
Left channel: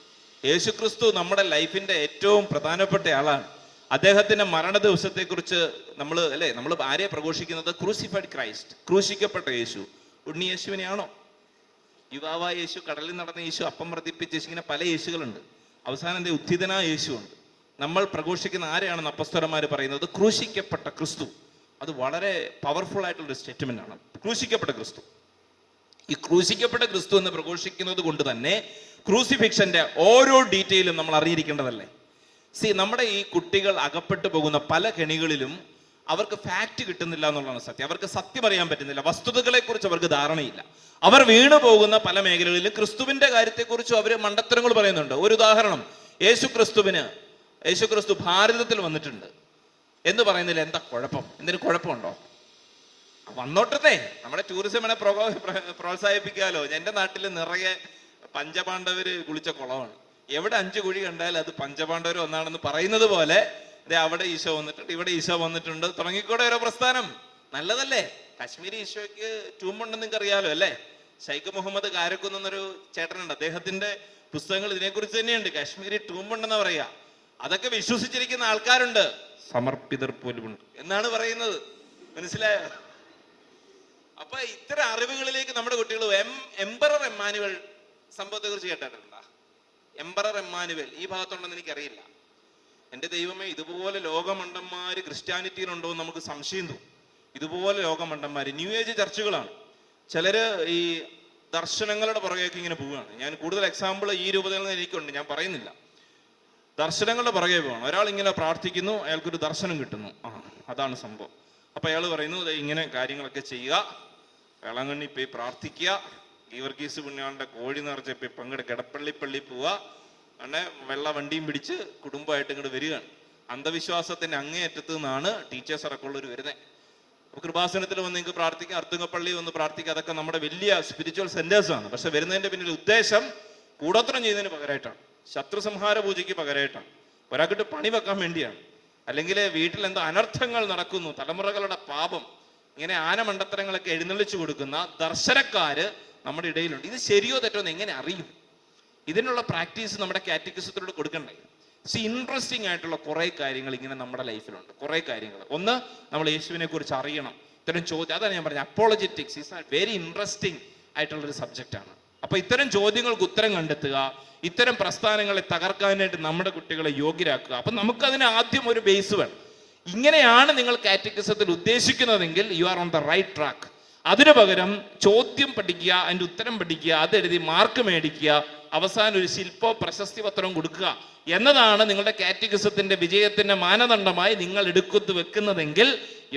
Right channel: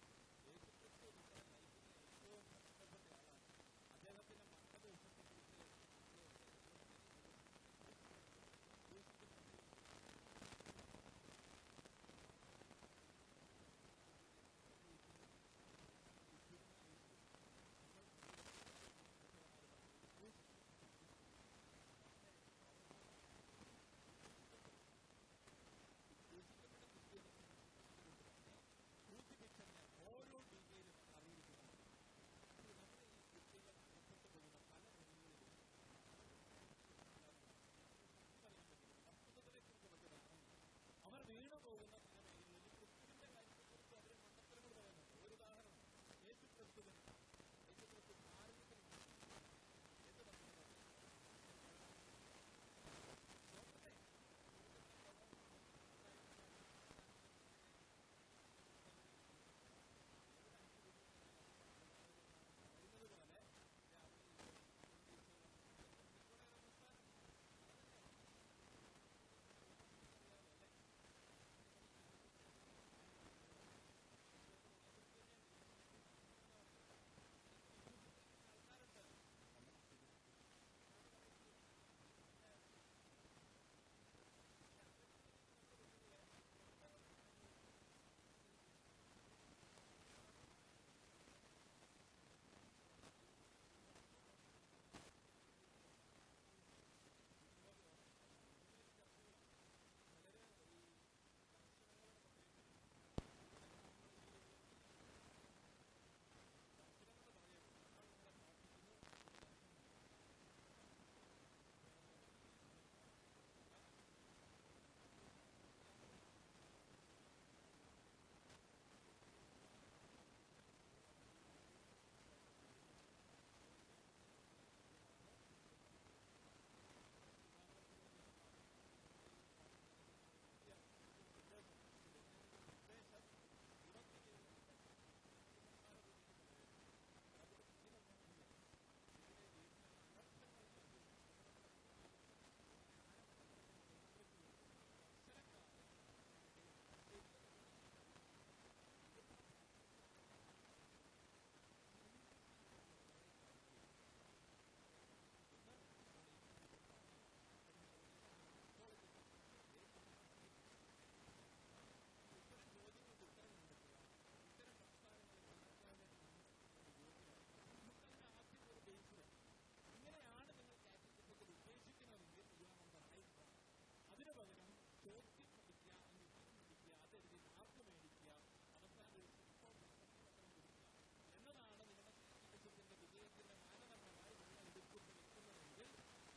യേശു ക്രിസ്തു നമ്മുടെ ലൈഫിന്റെ ഏറ്റവും പ്രധാനപ്പെട്ട ആളാണ്. അദ്ദേഹത്തിന്റെ മരണ ദിവസത്തെക്കുറിച്ച് നമ്മൾ അല്ലേ നമ്മൾ ആരെ പ്രഘോഷിക്കുന്നത്? ക്രൂസിഫൈഡ് ക്രൈസ്റ്റ് ക്രൂശിക്കപ്പെട്ട യേശു. ഉണ്ണി യേശുവിനെയാണോ? യുവാവായ യേശു കടലിൽ നടന്ന യേശു അപ്പം വർദ്ധിപ്പിച്ച് ഇങ്ങനെ പല യേശുകളുണ്ട്. അവസാനം എന്റെ ഉദ്ധിതനായ യേശു ഉണ്ട് നമ്മൾ പ്രഘോഷിക്കുന്ന ആരെയാണെന്ന് അപ്പസ്തരന്മാർ പറയുന്നത്? ക്രൂശിക്കപ്പെട്ട ക്രിസ്തു. അത് വളരെ പവർഫുൾ ആയിട്ടുള്ള ഒരു സ്റ്റേറ്റ്മെന്റ് ആണ്. ക്രൂശിക്കപ്പെട്ട ക്രിസ്തു. ഈ ക്രൂശിക്കപ്പെട്ട ക്രിസ്തു എന്ന് പ്രഘോഷിക്കുന്നത് കൊണ്ട് തന്നെ ക്രൂസിഫിക്ഷന്റെ ഓരോ ഡീറ്റെയിലും നമ്മൾ അറിഞ്ഞിരിക്കേണ്ടതല്ലേ? സി നമ്മുടെ ഈ കുട്ടികൾ അകപ്പെട്ടു പോകുന്ന പല കെണികളിലും അവർക്ക് ഫാക്റ്റ് കിട്ടുന്നില്ല എന്നുള്ളതാണ് സത്യം. അവർക്ക് സത്യം അറിയാൻ പറ്റുന്നില്ല. വസ്തുതകളെ കുറിച്ച് അവർക്ക് ധാരണയില്ല. അവർ വീണു പോകുന്ന പല മേഖലകളിലും ക്രിസ്തുവിന്റെ കാര്യത്തെക്കുറിച്ചും അവർ മണ്ടത്തരങ്ങൾ പറയുന്നുണ്ട്. ഒരു ഉദാഹരണം യേശു ക്രിസ്തുവിന് യേശു ക്രിസ്തു ഭാരതത്തിൽ വന്നിട്ടുണ്ട്. എന്ന് പറയുന്നതിൽ എന്താ കുഴപ്പം? എന്തിനു കുഴപ്പമുണ്ടോ? വന്നോട്ടത്തെ നമ്മുടെ ടൂറിസമിനെ പ്രോ- പ്ര- പ്രോത്സാഹിപ്പിക്കാലോ. എന്റെ നാട്ടിൽ നിറയെ പഞ്ചപാണ്ഡവര് കുളിച്ച കുളമാണ്. എവിടെ അഞ്ചു കുഴി കണ്ടാൽ അത് പഞ്ചപാണ്ഡവർ ഒന്നാണെന്ന് പറയുന്നത് പോലെ ദേ അവിടെ ഈശോ വന്നിട്ടുണ്ട് ഇവിടെ ഈശോ വന്നിട്ടുണ്ട്. തുടങ്ങിക്കൂടെ ഓരോ പ്രസ്ഥാനം. നല്ലതല്ലേ? കാശ്മീരി ഈശോയ്ക്ക് ട്യൂമ്പുണ്ടെന്ന് നിങ്ങൾക്ക് അറിയാലോ അല്ലേ? ഷൈഖ് മുഹമ്മദ് കാരക്കുന്ന് എന്നൊരു ചേട്ടനുണ്ട്. അദ്ദേഹത്തിന്റെ പുസ്തകങ്ങൾ ഇതിനെക്കുറിച്ച് തന്നെയുണ്ട്. കാശ്മീരി ട്യൂമ്പുണ്ടെന്ന് പറയാ അതൊക്കെ വിശ്വസിച്ചിരിക്കുന്ന ആൾക്കാരുണ്ട്. സമർപ്പിതർ പോലുമുണ്ട് എന്നാണ് പറയുന്നത്. മനസ്സിലായോ? അപ്പൊ ഇത്തരം അറിവുകളിലേക്ക് നമ്മുടെ കുട്ടികൾ എം എംബറർ എമ്മാനുവൽ സംഭവത്തെ കുറിച്ച് കേട്ടിട്ടുണ്ടോ? എംബറർ എമ്മാനുവൽ ഈ ഭാഗത്തുണ്ടെന്ന് എനിക്കറിയില്ല. എന്റെ ദൈവമേ ഇതുപോലെ ലോകമണ്ടന്മാര് ക്രിസ്ത്യാനിറ്റിയിലുണ്ടോ എന്ന് നമുക്ക് സംശയം തോന്നും. ഇതുപോലെ ലോകമണ്ടന്മാര് ന്യൂ ഏജ് ചർച്ചുകളാണ്. ചിലര് ഈ ദർശനങ്ങളുടെ പുറകേക്ക് ഇങ്ങനെ പോവുകയാണ്. ഞാൻ കൂടുതൽ എക്സാമ്പിൾ ഈ രൂപത്തിൽ നിന്ന് എനിക്കുണ്ട്. ഞാൻ പറയുന്നില്ല. ദർശനങ്ങളുടെ പുറകെ പോകണം. ഒരാൾ ഇങ്ങനെ പ്രാർത്ഥിക്കുന്നു അയാൾക്കൊരു ദർശനം കിട്ടുന്നു. ആ അതാണ് സംഭവം. അപ്പൊ അയാൾ പറയുന്നു "ദേ ഇങ്ങനെ കാര്യങ്ങളൊക്കെ ചെയ്യുക. വേളാങ്കണ്ണി പോയി പ്രാർത്ഥിക്കുക. ഗീവർഗീസ് പുണ്യാളുടെ കോഴി നിറച്ച് പോയി പങ്കെടുക്ക കിടപ്പള്ളി പള്ളി പോവുക. അങ്ങനെ വെള്ള വണ്ടിയും പിടിച്ച് കുടുംബമായിട്ട് ഇങ്ങോട്ട് വരികയാണ്. അന്ധവിശ്വാസത്തിന്റെ അങ്ങേയറ്റത്ത് നിന്നാണ് ടീച്ചേഴ്സ് അടക്കമുള്ളവർ വരുന്നത് കൃപാസനത്തിൽ വന്ന് നിങ്ങൾക്ക് പ്രാർത്ഥിക്കാം. അർത്തുങ്കപ്പള്ളി വന്ന് പ്രാർത്ഥിക്കുക അതൊക്കെ നമ്മുടെ വലിയ സ്പിരിച്വൽ സെന്റേഴ്സ് ആണ്. പക്ഷെ വരുന്നതിന്റെ പിന്നിൽ ഉദ്ദേശം കൂടോത്രം ചെയ്യുന്നതിന് പകരമായിട്ടാണ് ശത്രു സംഹാര പൂജയ്ക്ക് പകരമായിട്ടാണ് ഒരാൾക്കിട്ട് പണി വെക്കാൻ വേണ്ടിയാണ്. അല്ലെങ്കിൽ വീട്ടിൽ എന്തോ അനർത്ഥങ്ങൾ നടക്കുന്നു തലമുറകളുടെ പാപം ഇങ്ങനെ ആനമണ്ടത്തരങ്ങളൊക്കെ എഴുന്നള്ളിച്ചു കൊടുക്കുന്ന ദർശനക്കാര് നമ്മുടെ ഇടയിലുണ്ട്. ഇത് ശരിയോ തെറ്റോ എന്ന് എങ്ങനെ അറിയും? ഇതിനുള്ള പ്രാക്ടീസ് നമ്മുടെ കാറ്റഗിസത്തിലൂടെ കൊടുക്കണ്ടേ? സി ഇൻട്രസ്റ്റിംഗ് ആയിട്ടുള്ള കുറെ കാര്യങ്ങൾ ഇങ്ങനെ നമ്മുടെ ലൈഫിലുണ്ട്. കുറെ കാര്യങ്ങൾ. ഒന്ന് നമ്മൾ യേശുവിനെ കുറിച്ച് അറിയണം. ഇത്തരം ചോദ്യം അതാണ് ഞാൻ പറഞ്ഞത്. അപ്പോളജറ്റിക്സ് ഈസ് വെരി ഇൻട്രസ്റ്റിംഗ് ആയിട്ടുള്ള ഒരു സബ്ജക്റ്റ് ആണ്. അപ്പൊ ഇത്തരം ചോദ്യങ്ങൾക്ക് ഉത്തരം കണ്ടെത്തുക ഇത്തരം പ്രസ്ഥാനങ്ങളെ തകർക്കാനായിട്ട് നമ്മുടെ കുട്ടികളെ യോഗ്യരാക്കുക. അപ്പം നമുക്കതിന് ആദ്യം ഒരു ബേസ് വേണം. ഇങ്ങനെയാണ് നിങ്ങൾ കാറ്റഗറിസത്തിൽ ഉദ്ദേശിക്കുന്നതെങ്കിൽ you are on the right track അതിനു പകരം ചോദ്യം പഠിക്കുക അതിന്റെ ഉത്തരം പഠിക്കുക അതെഴുതി മാർക്ക് മേടിക്കുക അവസാനം ഒരു ശില്പോ പ്രശസ്തി പത്രം കൊടുക്കുക എന്നതാണ് നിങ്ങളുടെ കാറ്റഗിസത്തിന്റെ വിജയത്തിന്റെ മാനദണ്ഡമായി നിങ്ങൾ എടുക്കത്ത് വെക്കുന്നതെങ്കിൽ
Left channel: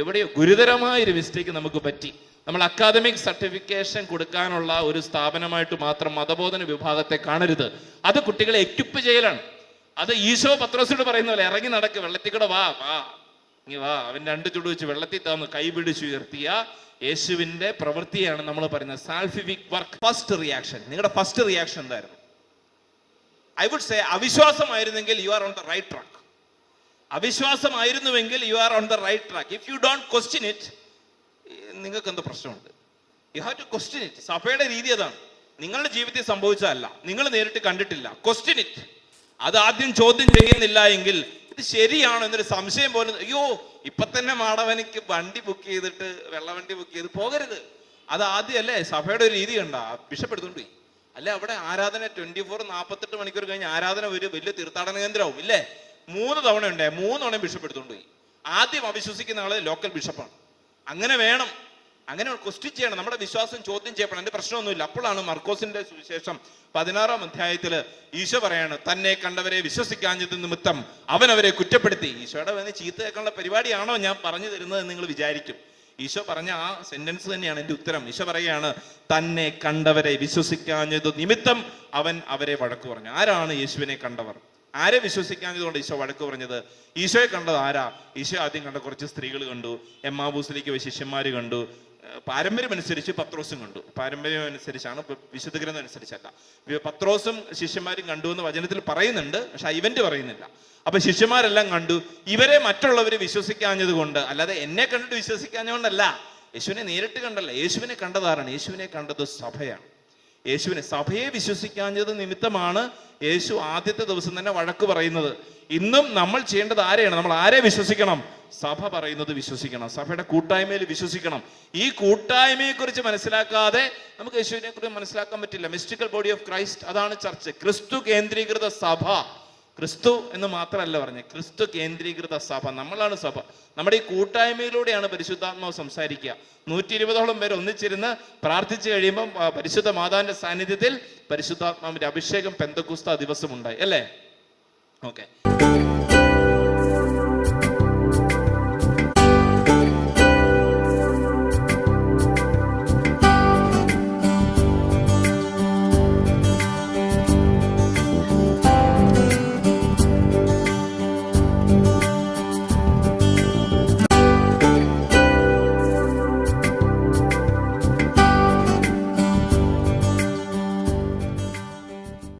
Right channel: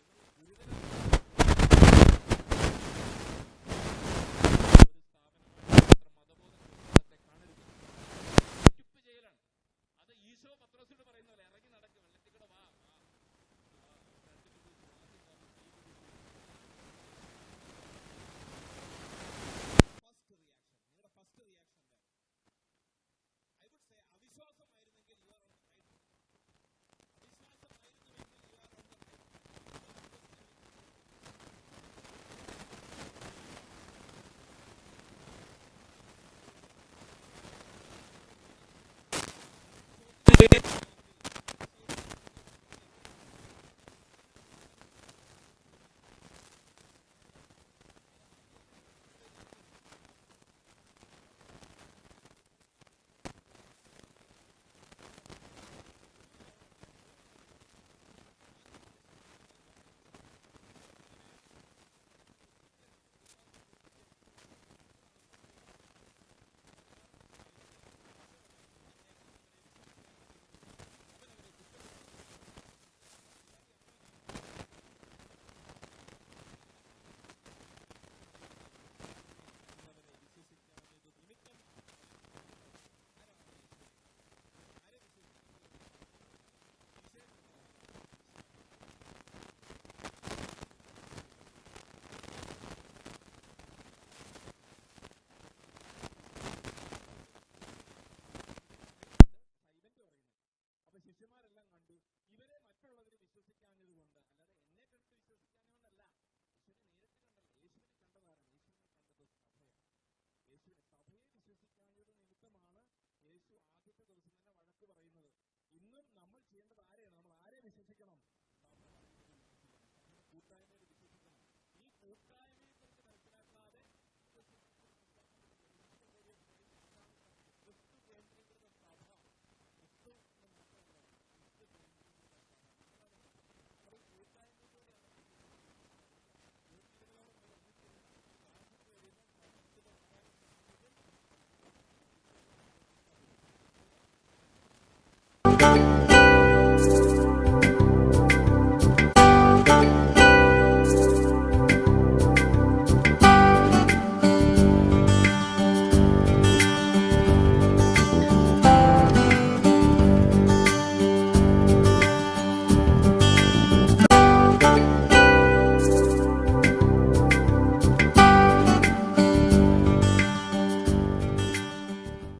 എവിടെയോ ഗുരുതരമായ ഒരു മിസ്റ്റേക്ക് നമുക്ക് നമ്മൾ അക്കാദമിക് സർട്ടിഫിക്കേഷൻ കൊടുക്കാനുള്ള ഒരു സ്ഥാപനമായിട്ട് മാത്രം മതബോധന വിഭാഗത്തെ കാണരുത്. അത് കുട്ടികളെ എക്യുപ്പ് ചെയ്യലാണ്. അത് ഈശോ പത്രോസിനോട് പറയുന്ന പോലെ ഇറങ്ങി നടക്ക് വെള്ളത്തിൽ കൂടെ വാ വാ. ഇനി വാ. അവൻ രണ്ട് ചുടു വെച്ച് വെള്ളത്തിൽ താന്ന് കൈപിടിച്ച് പിടിച്ചുയർത്തിയ യേശുവിന്റെ പ്രവൃത്തിയാണ് നമ്മൾ പറയുന്നത്. സാൽഫിഫിക് വർക്ക് ഫസ്റ്റ് റിയാക്ഷൻ നിങ്ങളുടെ ഫസ്റ്റ് റിയാക്ഷൻ എന്തായിരുന്നു? I would say അവിശ്വാസമായിരുന്നെങ്കിൽ you are on the right track അവിശ്വാസമായിരുന്നുവെങ്കിൽ you are on the right track if you don't question it നിങ്ങൾക്ക് എന്ത് പ്രശ്നമുണ്ട്? You have to question it സഭയുടെ രീതി അതാണ്. നിങ്ങളുടെ ജീവിതത്തിൽ സംഭവിച്ചതല്ല. നിങ്ങൾ നേരിട്ട് കണ്ടിട്ടില്ല. ക്വസ്റ്റ്യൻ ഇറ്റ് അത് ആദ്യം ചോദ്യം ചെയ്യുന്നില്ല എങ്കിൽ ഇത് ശരിയാണോ എന്നൊരു സംശയം പോലും. അയ്യോ ഇപ്പൊ തന്നെ മാടവനിക്ക് വണ്ടി ബുക്ക് ചെയ്തിട്ട് വെള്ളവണ്ടി ബുക്ക് ചെയ്ത് പോകരുത്. അത് ആദ്യം അല്ലേ സഭയുടെ ഒരു രീതി കണ്ട. ബിഷപ്പ് എടുത്തോണ്ട് പോയി. അല്ലെ അവിടെ ആരാധന ട്വന്റി ഫോർ നാൽപ്പത്തെട്ട് മണിക്കൂർ കഴിഞ്ഞ് ആരാധന ഒരു വലിയ തീർത്ഥാടന കേന്ദ്രമാവും ഇല്ലേ? മൂന്ന് തവണ ഉണ്ടേ മൂന്ന് തവണ ബിഷപ്പ് എടുത്തോണ്ട് പോയി. ആദ്യം അവിശ്വസിക്കുന്ന ആൾ ലോക്കൽ ബിഷപ്പാണ് അങ്ങനെ വേണം. അങ്ങനെ ക്വസ്റ്റ്യൻ ചെയ്യണം. നമ്മുടെ വിശ്വാസം ചോദ്യം ചെയ്യപ്പെടണം. എന്റെ പ്രശ്നമൊന്നുമില്ല. അപ്പോഴാണ് മർക്കോസിന്റെ സുവിശേഷം പതിനാറാം അധ്യായത്തിൽ ഈശോ പറയാണ് തന്നെ കണ്ടവരെ വിശ്വസിക്കാഞ്ഞത് നിമിത്തം അവൻ അവരെ കുറ്റപ്പെടുത്തി. ഈശോയുടെ വന്ന് ചീത്ത കേൾക്കാനുള്ള പരിപാടിയാണോ ഞാൻ പറഞ്ഞു തരുന്നത് നിങ്ങൾ വിചാരിക്കും. ഈശോ പറഞ്ഞ ആ സെന്റൻസ് തന്നെയാണ് എന്റെ ഉത്തരം. ഈശോ പറയുകയാണ് തന്നെ കണ്ടവരെ വിശ്വസിക്കാഞ്ഞത് നിമിത്തം അവൻ അവരെ വഴക്ക് പറഞ്ഞു. ആരാണ് യേശുവിനെ കണ്ടവർ? ആരെ വിശ്വസിക്കാഞ്ഞതുകൊണ്ട് ഈശോ വഴക്ക് പറഞ്ഞത്? ഈശോയെ കണ്ടത് ആരാ? ഈശോ ആദ്യം കണ്ട കുറച്ച് സ്ത്രീകൾ കണ്ടു എമ്മാബൂസിലേക്ക് പോയ ശിഷ്യന്മാര് കണ്ടു ഏർ പാരമ്പര്യം അനുസരിച്ച് പത്രോസും കണ്ടു. പാരമ്പര്യം അനുസരിച്ചാണ് വിശുദ്ധ ഗ്രന്ഥം അനുസരിച്ചല്ല. പത്രോസും ശിഷ്യന്മാരും കണ്ടു എന്ന് വചനത്തിൽ പറയുന്നുണ്ട് പക്ഷെ ഇവന്റ് പറയുന്നില്ല. അപ്പൊ ശിഷ്യന്മാരെല്ലാം കണ്ടു. ഇവരെ മറ്റുള്ളവർ വിശ്വസിക്കാഞ്ഞത് കൊണ്ട് അല്ലാതെ എന്നെ കണ്ടിട്ട് വിശ്വസിക്കാഞ്ഞതുകൊണ്ടല്ല യേശുവിനെ നേരിട്ട് കണ്ടല്ല. യേശുവിനെ കണ്ടതാരാണ്? യേശുവിനെ കണ്ടത് സഭയാണ്. യേശുവിനെ സഭയെ വിശ്വസിക്കാഞ്ഞത് നിമിത്തമാണ് യേശു ആദ്യത്തെ ദിവസം തന്നെ വഴക്ക് പറയുന്നത്. ഇന്നും നമ്മൾ ചെയ്യേണ്ടത് ആരെയാണ്? നമ്മൾ ആരെ വിശ്വസിക്കണം? സഭ പറയുന്നത് വിശ്വസിക്കണം. സഭയുടെ കൂട്ടായ്മയിൽ വിശ്വസിക്കണം. ഈ കൂട്ടായ്മയെ കുറിച്ച് മനസ്സിലാക്കാതെ നമുക്ക് യേശുവിനെ കുറിച്ച് മനസ്സിലാക്കാൻ പറ്റില്ല. മിസ്റ്റിക്കൽ ബോഡി ഓഫ് ക്രൈസ്റ്റ് അതാണ് ചർച്ച്. ക്രിസ്തു കേന്ദ്രീകൃത സഭ. ക്രിസ്തു എന്ന് മാത്രമല്ല പറഞ്ഞ്. ക്രിസ്തു കേന്ദ്രീകൃത സഭ. നമ്മളാണ് സഭ. നമ്മുടെ ഈ കൂട്ടായ്മയിലൂടെയാണ് പരിശുദ്ധാത്മാവ് സംസാരിക്കുക. നൂറ്റി ഇരുപതോളം പേര് ഒന്നിച്ചിരുന്ന് പ്രാർത്ഥിച്ചു കഴിയുമ്പോൾ പരിശുദ്ധ മാതാവിന്റെ സാന്നിധ്യത്തിൽ പരിശുദ്ധാത്മാവിന്റെ അഭിഷേകം പെന്തകുസ്ത ദിവസം ഉണ്ടായി അല്ലേ? ഓക്കെ.